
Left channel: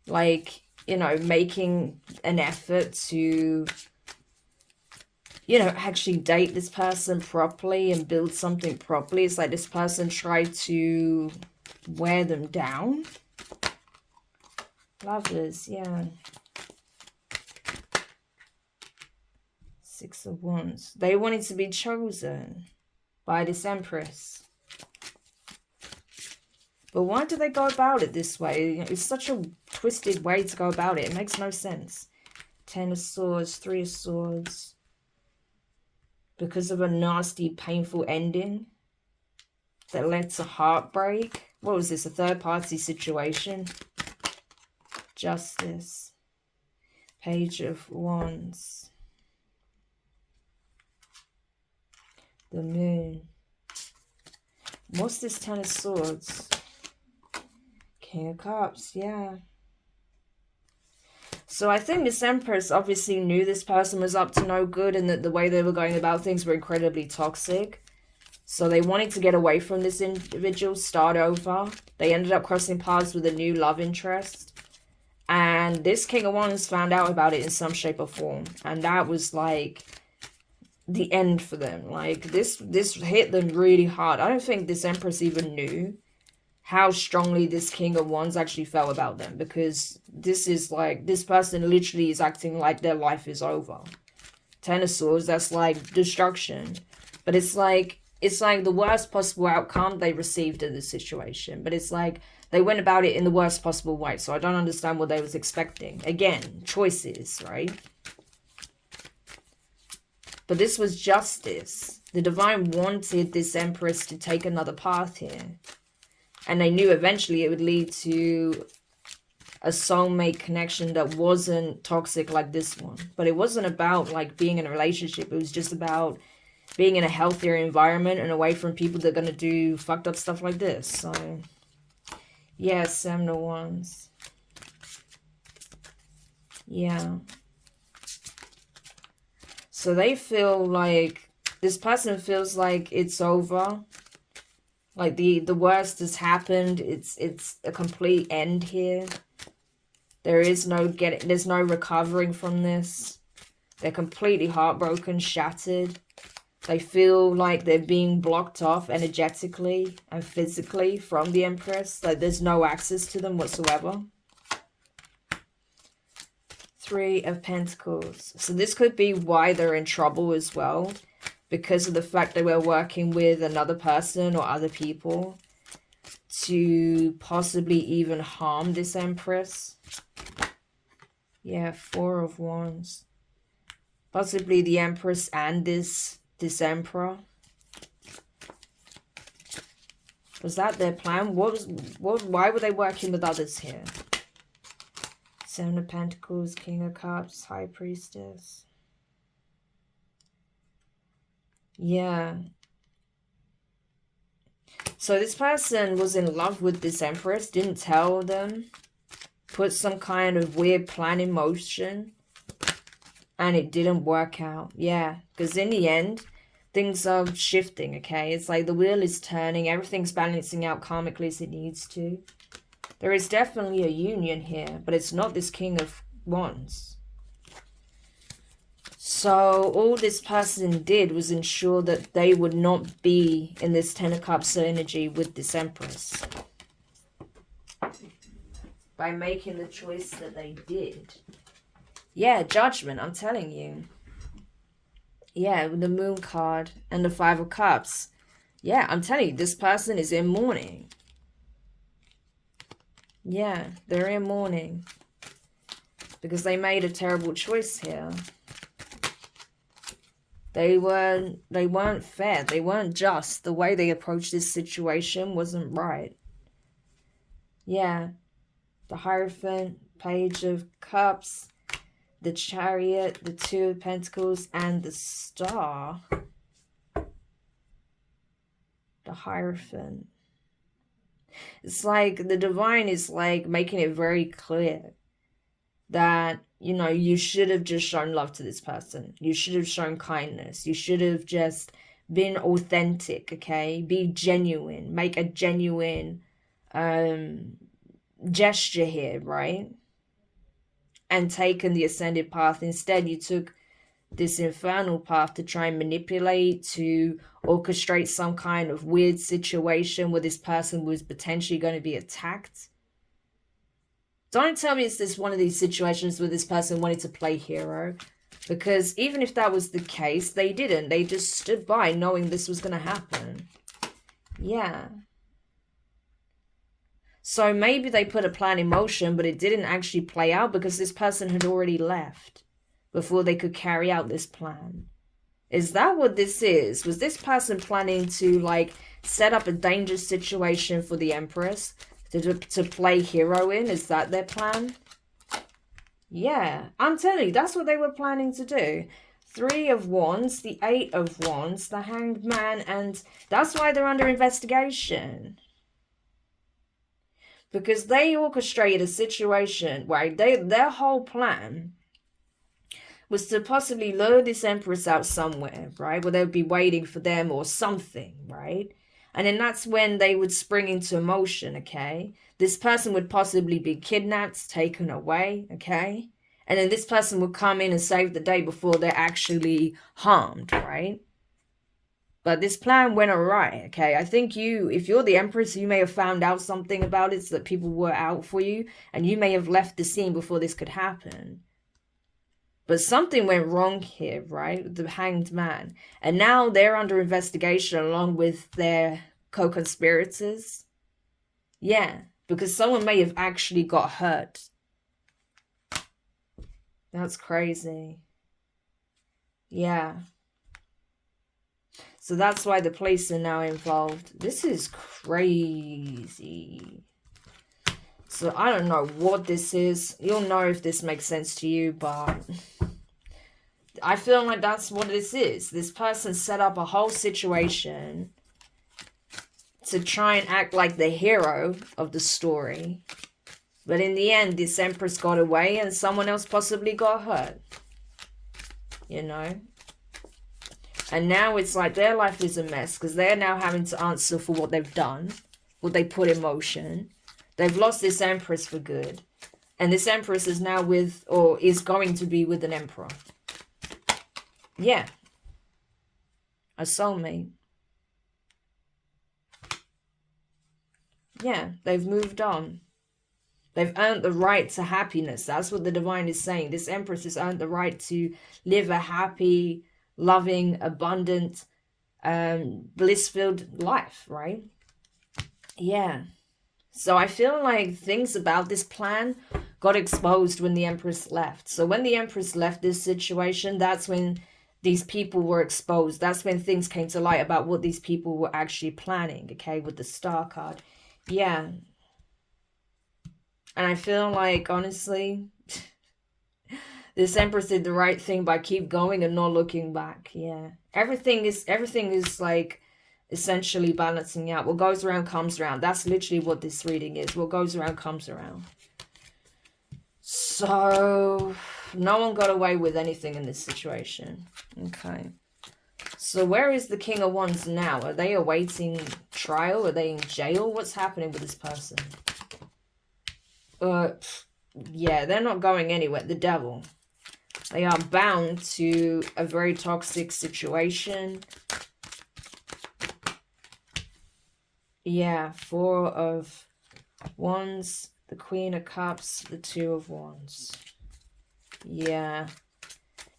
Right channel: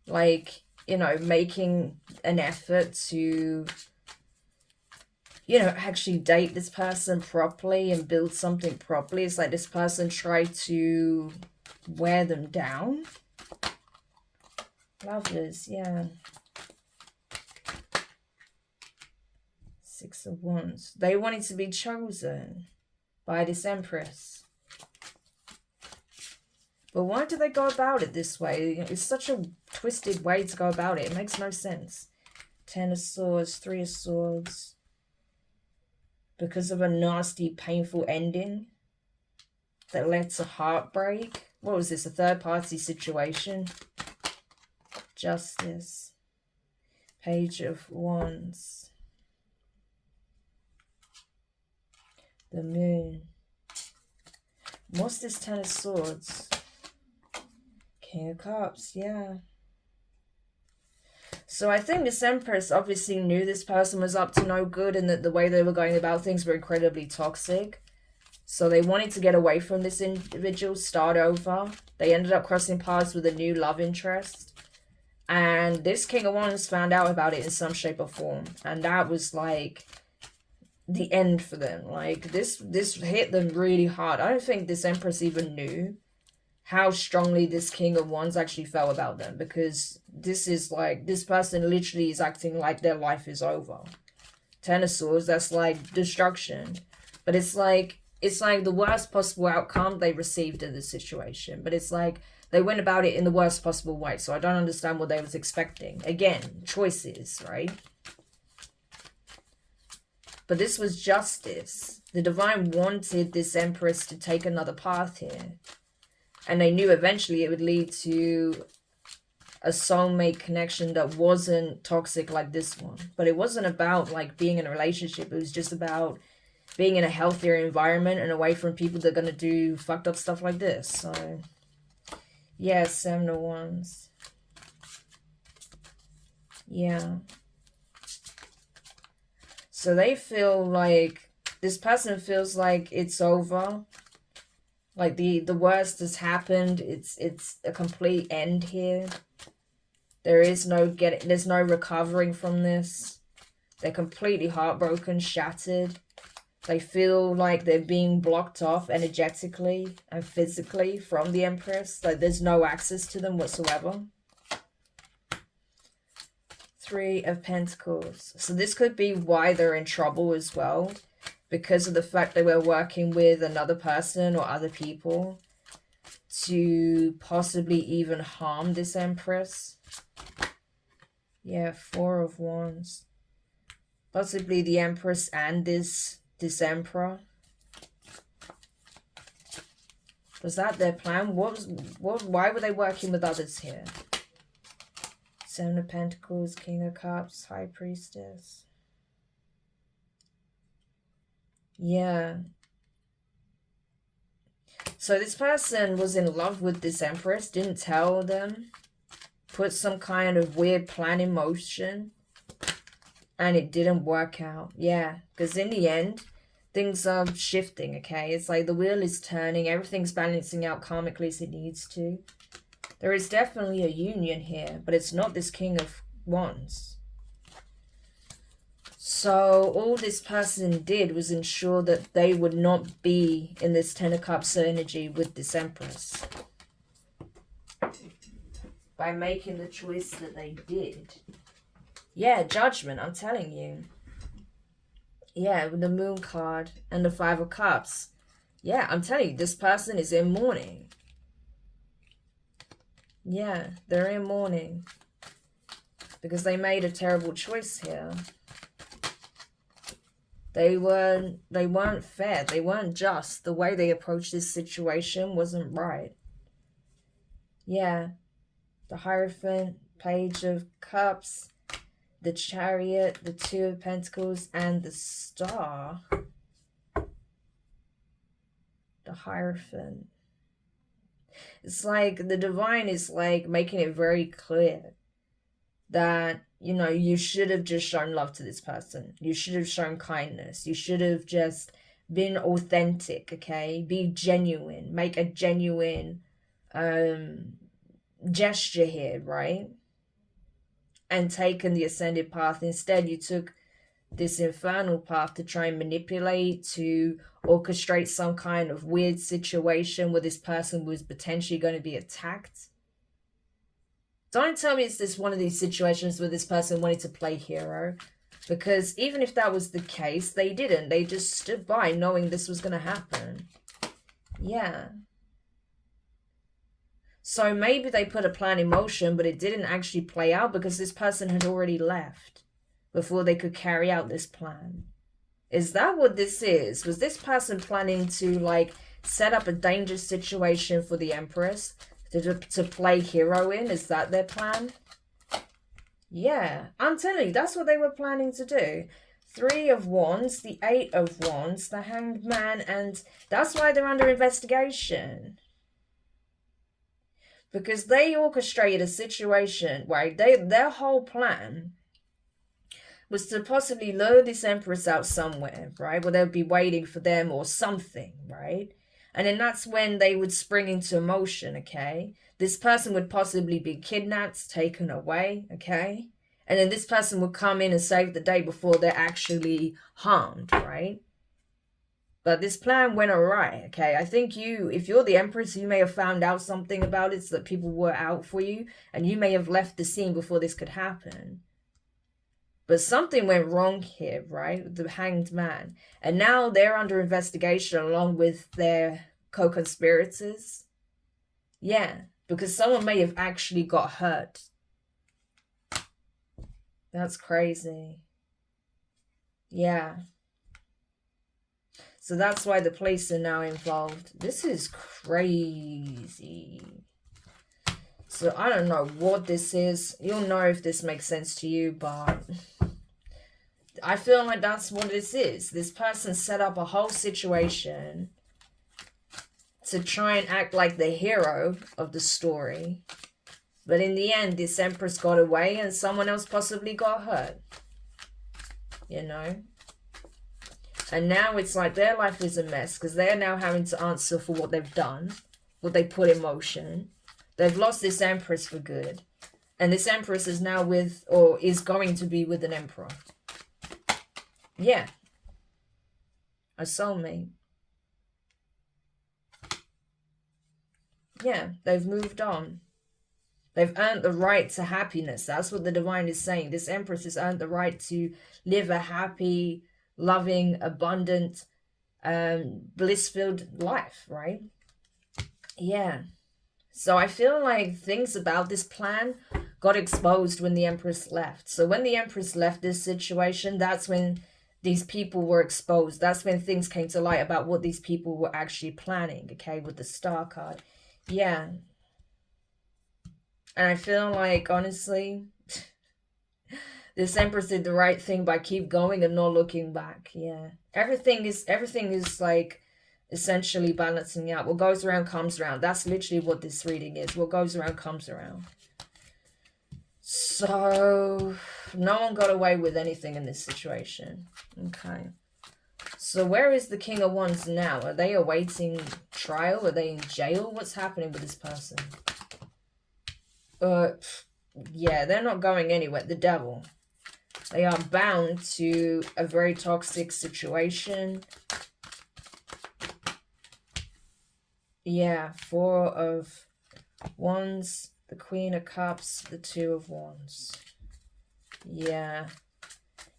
like, you know, making an effort to, you know, actually date this person properly and build something properly, it's like this person tried to wear them down. Lovers, yeah. Six of Wands. They wanted to be chosen by this Empress. But why do they go about it this way? It's such a twisted way to go about it. It makes no sense. Ten of Swords, Three of Swords. Because of a nasty, painful ending that led to heartbreak. What was this? A third-party situation? Justice. Page of Wands. The Moon. What's this Ten of Swords? King of Cups, yeah. So I think this Empress obviously knew this person was up to no good and that the way they were going about things were incredibly toxic. So they wanted to get away from this individual, start over. They ended up crossing paths with a new love interest. And this King of Wands found out about it in some shape or form. And that was like the end for them. Like this hit them really hard. I don't think this Empress even knew how strongly this King of Wands actually felt about them, because this is like, this person literally is acting like their life is over. Ten of Swords, that's like destruction. But it's like the worst possible outcome they received in this situation. But it's like they went about it in the worst possible way. So I don't understand what they was expecting. Again, choices, right? But this was justice. The divine wanted this Empress to take another path here. And they knew eventually it would lead to a soulmate connection that wasn't toxic like this one. But it wasn't about like being in a relationship. It was just about being in a healthier environment and away from people that are going to do fucked up stuff like this. So, yeah, 7 of Wands. Yeah. So they feel like, this person feels like it's over. Like the worst has happened. It's a complete end here. There's no recovering from this. They're completely heartbroken, shattered. They feel like they're being blocked off energetically and physically from the Empress. Like there's no access to them whatsoever. 3 of Pentacles. So this could be why they're in trouble as well, because of the fact they were working with another person or other people to possibly even harm this Empress. Yeah, 4 of Wands. Possibly the Empress and this Emperor. Was that their plan? Why were they working with others here? 7 of Pentacles, King of Cups, High Priestess. Yeah. So this person was in love with this Empress, didn't tell them, put some kind of weird plan in motion, and it didn't work out. Yeah, because in the end, things are shifting, okay? It's like the wheel is turning, everything's balancing out karmically as it needs to. There is definitely a union here, but it's not this King of Wands. So all this person did was ensure that they would not be in this 10 of Cups energy with this Empress. By making the choice that they did. Yeah, Judgment, I'm telling you. Yeah, with the Moon card and the 5 of Cups. Yeah, I'm telling you, this person is in mourning. Yeah, they're in mourning. Because they made a terrible choice here. They weren't fair. They weren't just. The way they approached this situation wasn't right. Yeah. The Hierophant, Page of Cups, the Chariot, the 2 of Pentacles, and the Star. The Hierophant. It's like the divine is like making it very clear that, you know, you should have just shown love to this person. You should have shown kindness. You should have just been authentic, okay? Be genuine. Make a genuine gesture here, right? And taken the ascended path. Instead, you took this infernal path to try and manipulate, to orchestrate some kind of weird situation where this person was potentially going to be attacked. Don't tell me it's this one of these situations where this person wanted to play hero. Because even if that was the case, they didn't. They just stood by knowing this was going to happen. Yeah. So maybe they put a plan in motion, but it didn't actually play out because this person had already left before they could carry out this plan. Is that what this is? Was this person planning to, like, set up a dangerous situation for the Empress to play hero in? Is that their plan? Yeah, I'm telling you, that's what they were planning to do. 3 of Wands, the 8 of Wands, the Hanged Man, and that's why they're under investigation. Because they orchestrated a situation where their whole plan was to possibly lure this Empress out somewhere, right? Where they would be waiting for them or something, right? And then that's when they would spring into motion, okay? This person would possibly be kidnapped, taken away, okay? And then this person will come in and save the day before they're actually harmed, right? But this plan went awry, okay? I think if you're the Empress, you may have found out something about it so that people were out for you, and you may have left the scene before this could happen. But something went wrong here, right? The Hanged Man. And now they're under investigation along with their co-conspirators. Yeah, because someone may have actually got hurt. That's crazy. Yeah. So that's why the police are now involved. This is crazy. So I don't know what this is. You'll know if this makes sense to you, but I feel like that's what this is. This person set up a whole situation to try and act like the hero of the story. But in the end, this Empress got away and someone else possibly got hurt. You know? And now it's like their life is a mess because they're now having to answer for what they've done, what they put in motion. They've lost this Empress for good. And this Empress is now with, or is going to be with, an Emperor. Yeah. A soulmate. Yeah, they've moved on. They've earned the right to happiness. That's what the divine is saying. This Empress has earned the right to live a happy, loving, abundant, bliss-filled life, right? Yeah. So I feel like things about this plan got exposed when the Empress left. So when the Empress left this situation, that's when these people were exposed. That's when things came to light about what these people were actually planning, okay, with the Star card. Yeah. And I feel like, honestly, this Empress did the right thing by keep going and not looking back. Yeah. Everything is like essentially balancing out. What goes around comes around. That's literally what this reading is. What goes around comes around. So no one got away with anything in this situation. Okay. So where is the King of Wands now? Are they awaiting trial? Are they in jail? What's happening with this person? Yeah, they're not going anywhere. The Devil. They are bound to a very toxic situation. Yeah, Four of Wands, the Queen of Cups, the Two of Wands. Yeah.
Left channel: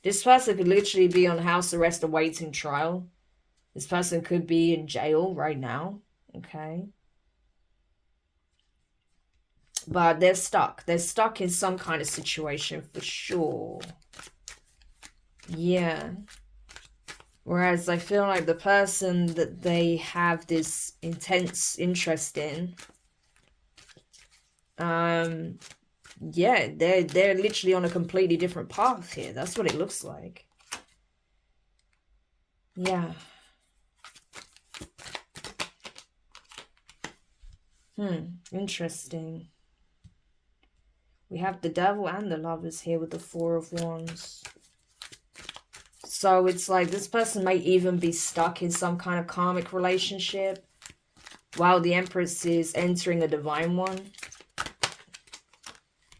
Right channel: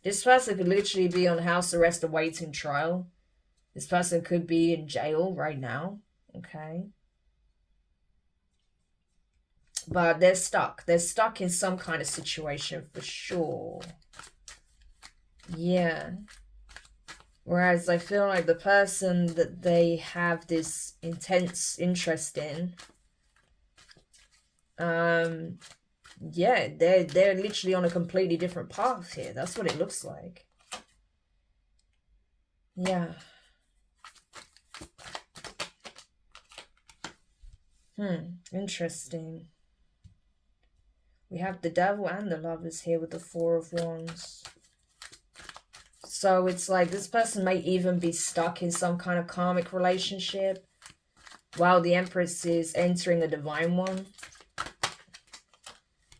This person could literally be on house arrest awaiting trial. This person could be in jail right now. Okay. But they're stuck. They're stuck in some kind of situation for sure. Yeah. Whereas I feel like the person that they have this intense interest in, yeah, they're literally on a completely different path here. That's what it looks like. Yeah. Interesting. We have the Devil and the Lovers here with the Four of Wands. So it's like this person may even be stuck in some kind of karmic relationship while the Empress is entering a divine one.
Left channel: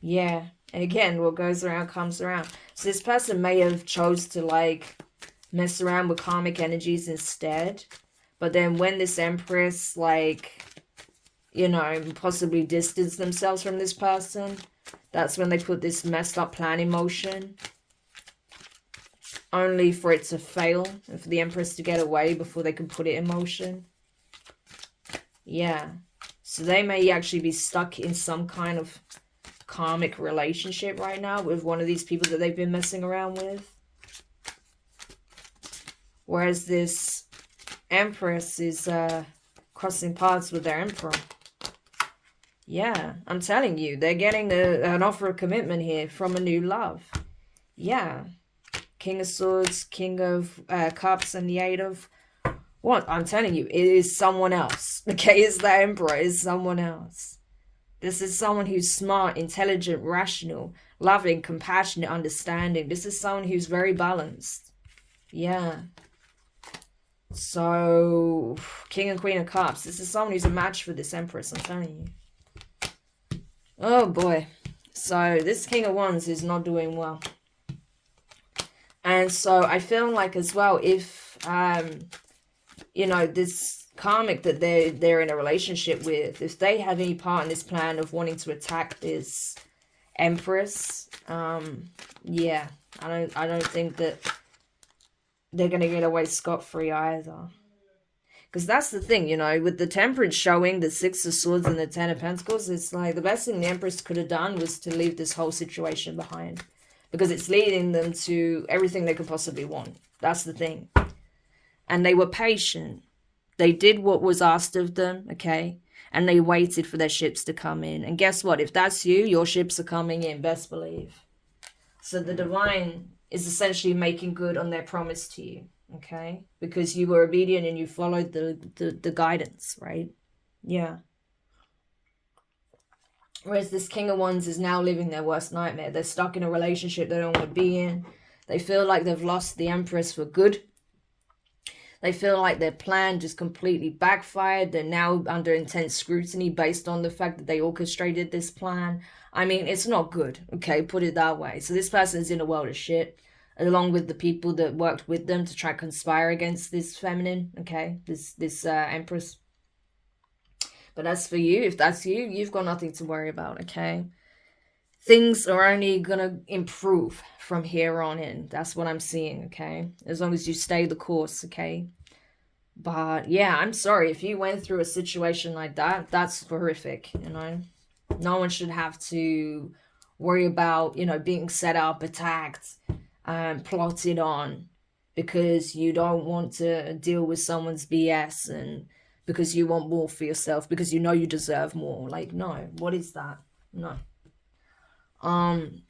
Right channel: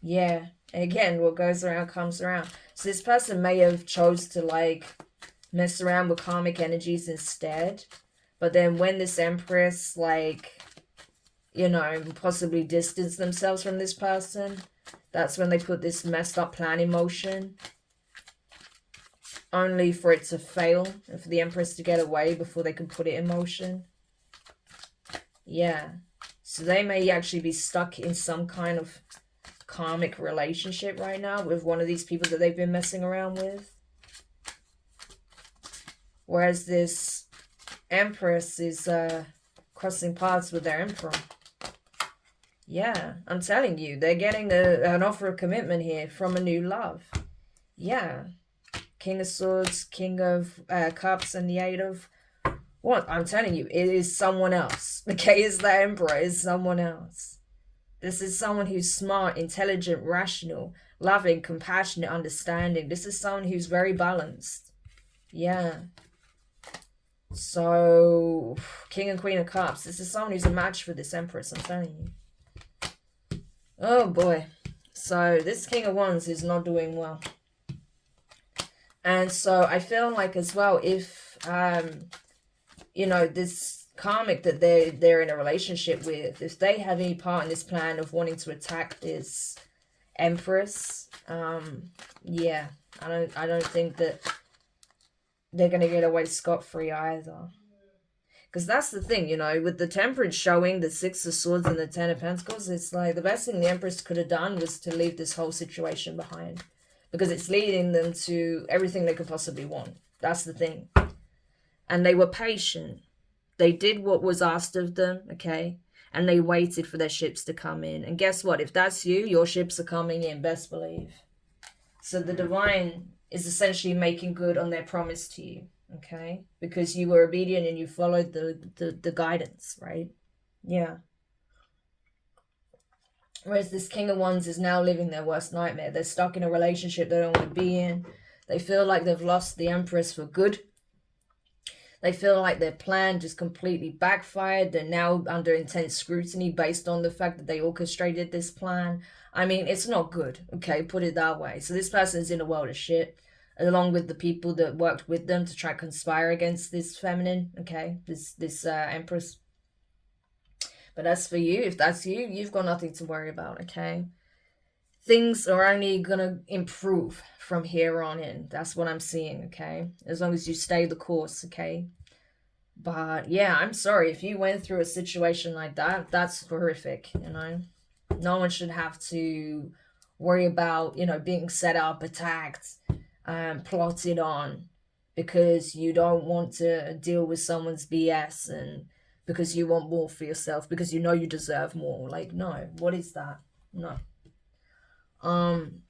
Yeah. And again, what goes around comes around. So this person may have chose to like mess around with karmic energies instead. But then when this Empress like, you know, possibly distance themselves from this person, that's when they put this messed up plan in motion. Only for it to fail and for the Empress to get away before they can put it in motion. Yeah. So they may actually be stuck in some kind of karmic relationship right now with one of these people that they've been messing around with. Whereas this Empress is crossing paths with their Emperor. Yeah, I'm telling you, they're getting an offer of commitment here from a new love. Yeah. King of Swords, King of Cups, and the Eight of Wands. I'm telling you, it is someone else. Okay, it's the Emperor. It's someone else. This is someone who's smart, intelligent, rational, loving, compassionate, understanding. This is someone who's very balanced. Yeah. So, King and Queen of Cups. This is someone who's a match for this Empress, I'm telling you. Oh, boy. So this King of Wands is not doing well. And so I feel like as well, if you know, this karmic that they're in a relationship with, if they have any part in this plan of wanting to attack this empress, yeah, I don't think that they're gonna get away scot-free either. Because that's the thing, you know, with the Temperance showing the Six of Swords and the Ten of Pentacles, it's like the best thing the Empress could have done was to leave this whole situation behind. Because it's leading them to everything they could possibly want. That's the thing. And they were patient. They did what was asked of them, okay? And they waited for their ships to come in. And guess what? If that's you, your ships are coming in, best believe. So the divine is essentially making good on their promise to you. Okay, because you were obedient and you followed the guidance, right? Yeah. Whereas this King of Wands is now living their worst nightmare. They're stuck in a relationship they don't want to be in. They feel like they've lost the Empress for good. They feel like their plan just completely backfired. They're now under intense scrutiny based on the fact that they orchestrated this plan. I mean, it's not good, okay? Put it that way. So this person is in a world of shit, along with the people that worked with them to try to conspire against this feminine, okay? This Empress. But as for you, if that's you, you've got nothing to worry about, okay? Things are only gonna improve from here on in. That's what I'm seeing, okay? As long as you stay the course, okay? But yeah, I'm sorry if you went through a situation like that. That's horrific, you know? No one should have to worry about, you know, being set up, attacked, plotted on because you don't want to deal with someone's BS and because you want more for yourself, because you know you deserve more. Like, no, what is that? No.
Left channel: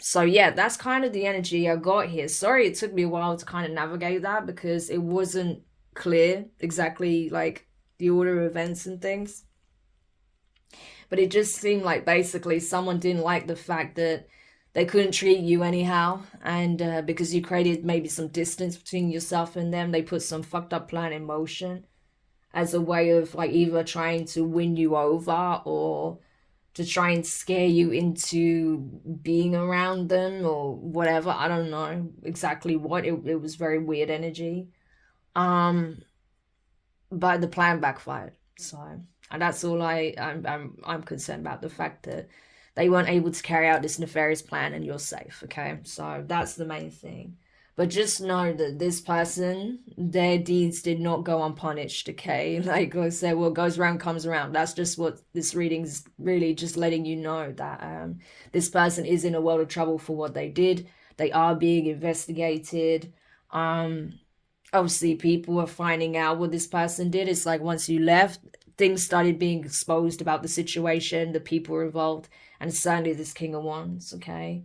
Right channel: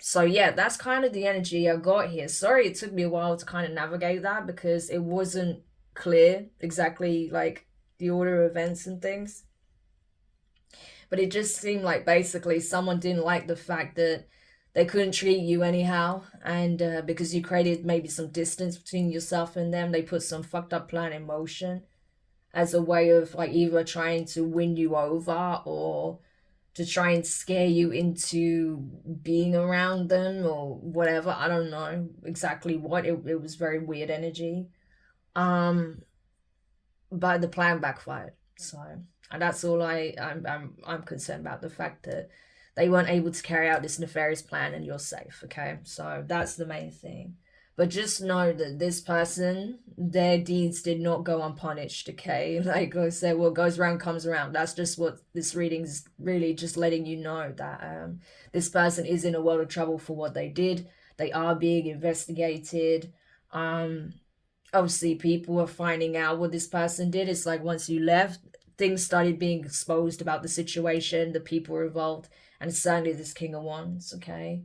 So yeah, that's kind of the energy I got here. Sorry it took me a while to kind of navigate that because it wasn't clear exactly like the order of events and things. But it just seemed like basically someone didn't like the fact that they couldn't treat you anyhow, and because you created maybe some distance between yourself and them, they put some fucked up plan in motion as a way of like either trying to win you over or to try and scare you into being around them or whatever. I don't know exactly what. It was very weird energy. Um, but the plan backfired. So, and that's all I'm concerned about, the fact that they weren't able to carry out this nefarious plan and you're safe, okay? So that's the main thing. But just know that this person, their deeds did not go unpunished, okay? Like I said, what goes around comes around. That's just what this reading's really just letting you know, that this person is in a world of trouble for what they did. They are being investigated. Obviously people are finding out what this person did. It's like once you left, things started being exposed about the situation, the people involved, and certainly this King of Wands, okay?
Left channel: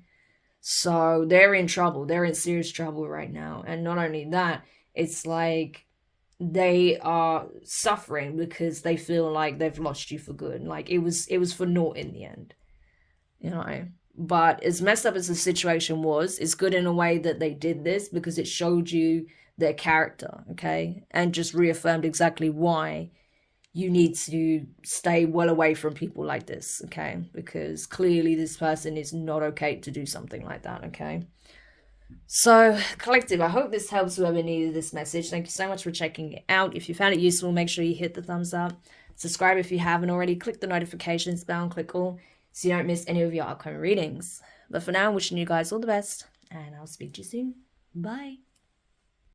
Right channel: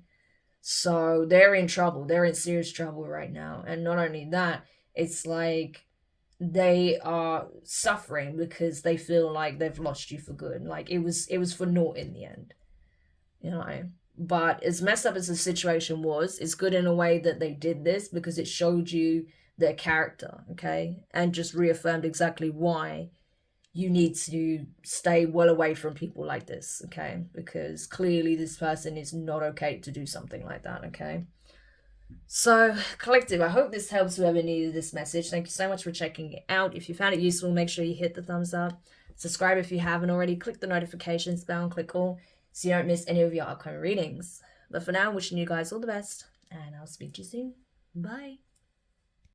So they're in trouble. They're in serious trouble right now. And not only that, it's like they are suffering because they feel like they've lost you for good. Like it was for naught in the end, you know. But as messed up as the situation was, it's good in a way that they did this because it showed you their character, okay? And just reaffirmed exactly why you need to stay well away from people like this, okay? Because clearly this person is not okay to do something like that, okay? So, collective, I hope this helps whoever needed this message. Thank you so much for checking it out. If you found it useful, make sure you hit the thumbs up. Subscribe if you haven't already. Click the notifications bell and click all so you don't miss any of your upcoming readings. But for now, wishing you guys all the best, and I'll speak to you soon. Bye.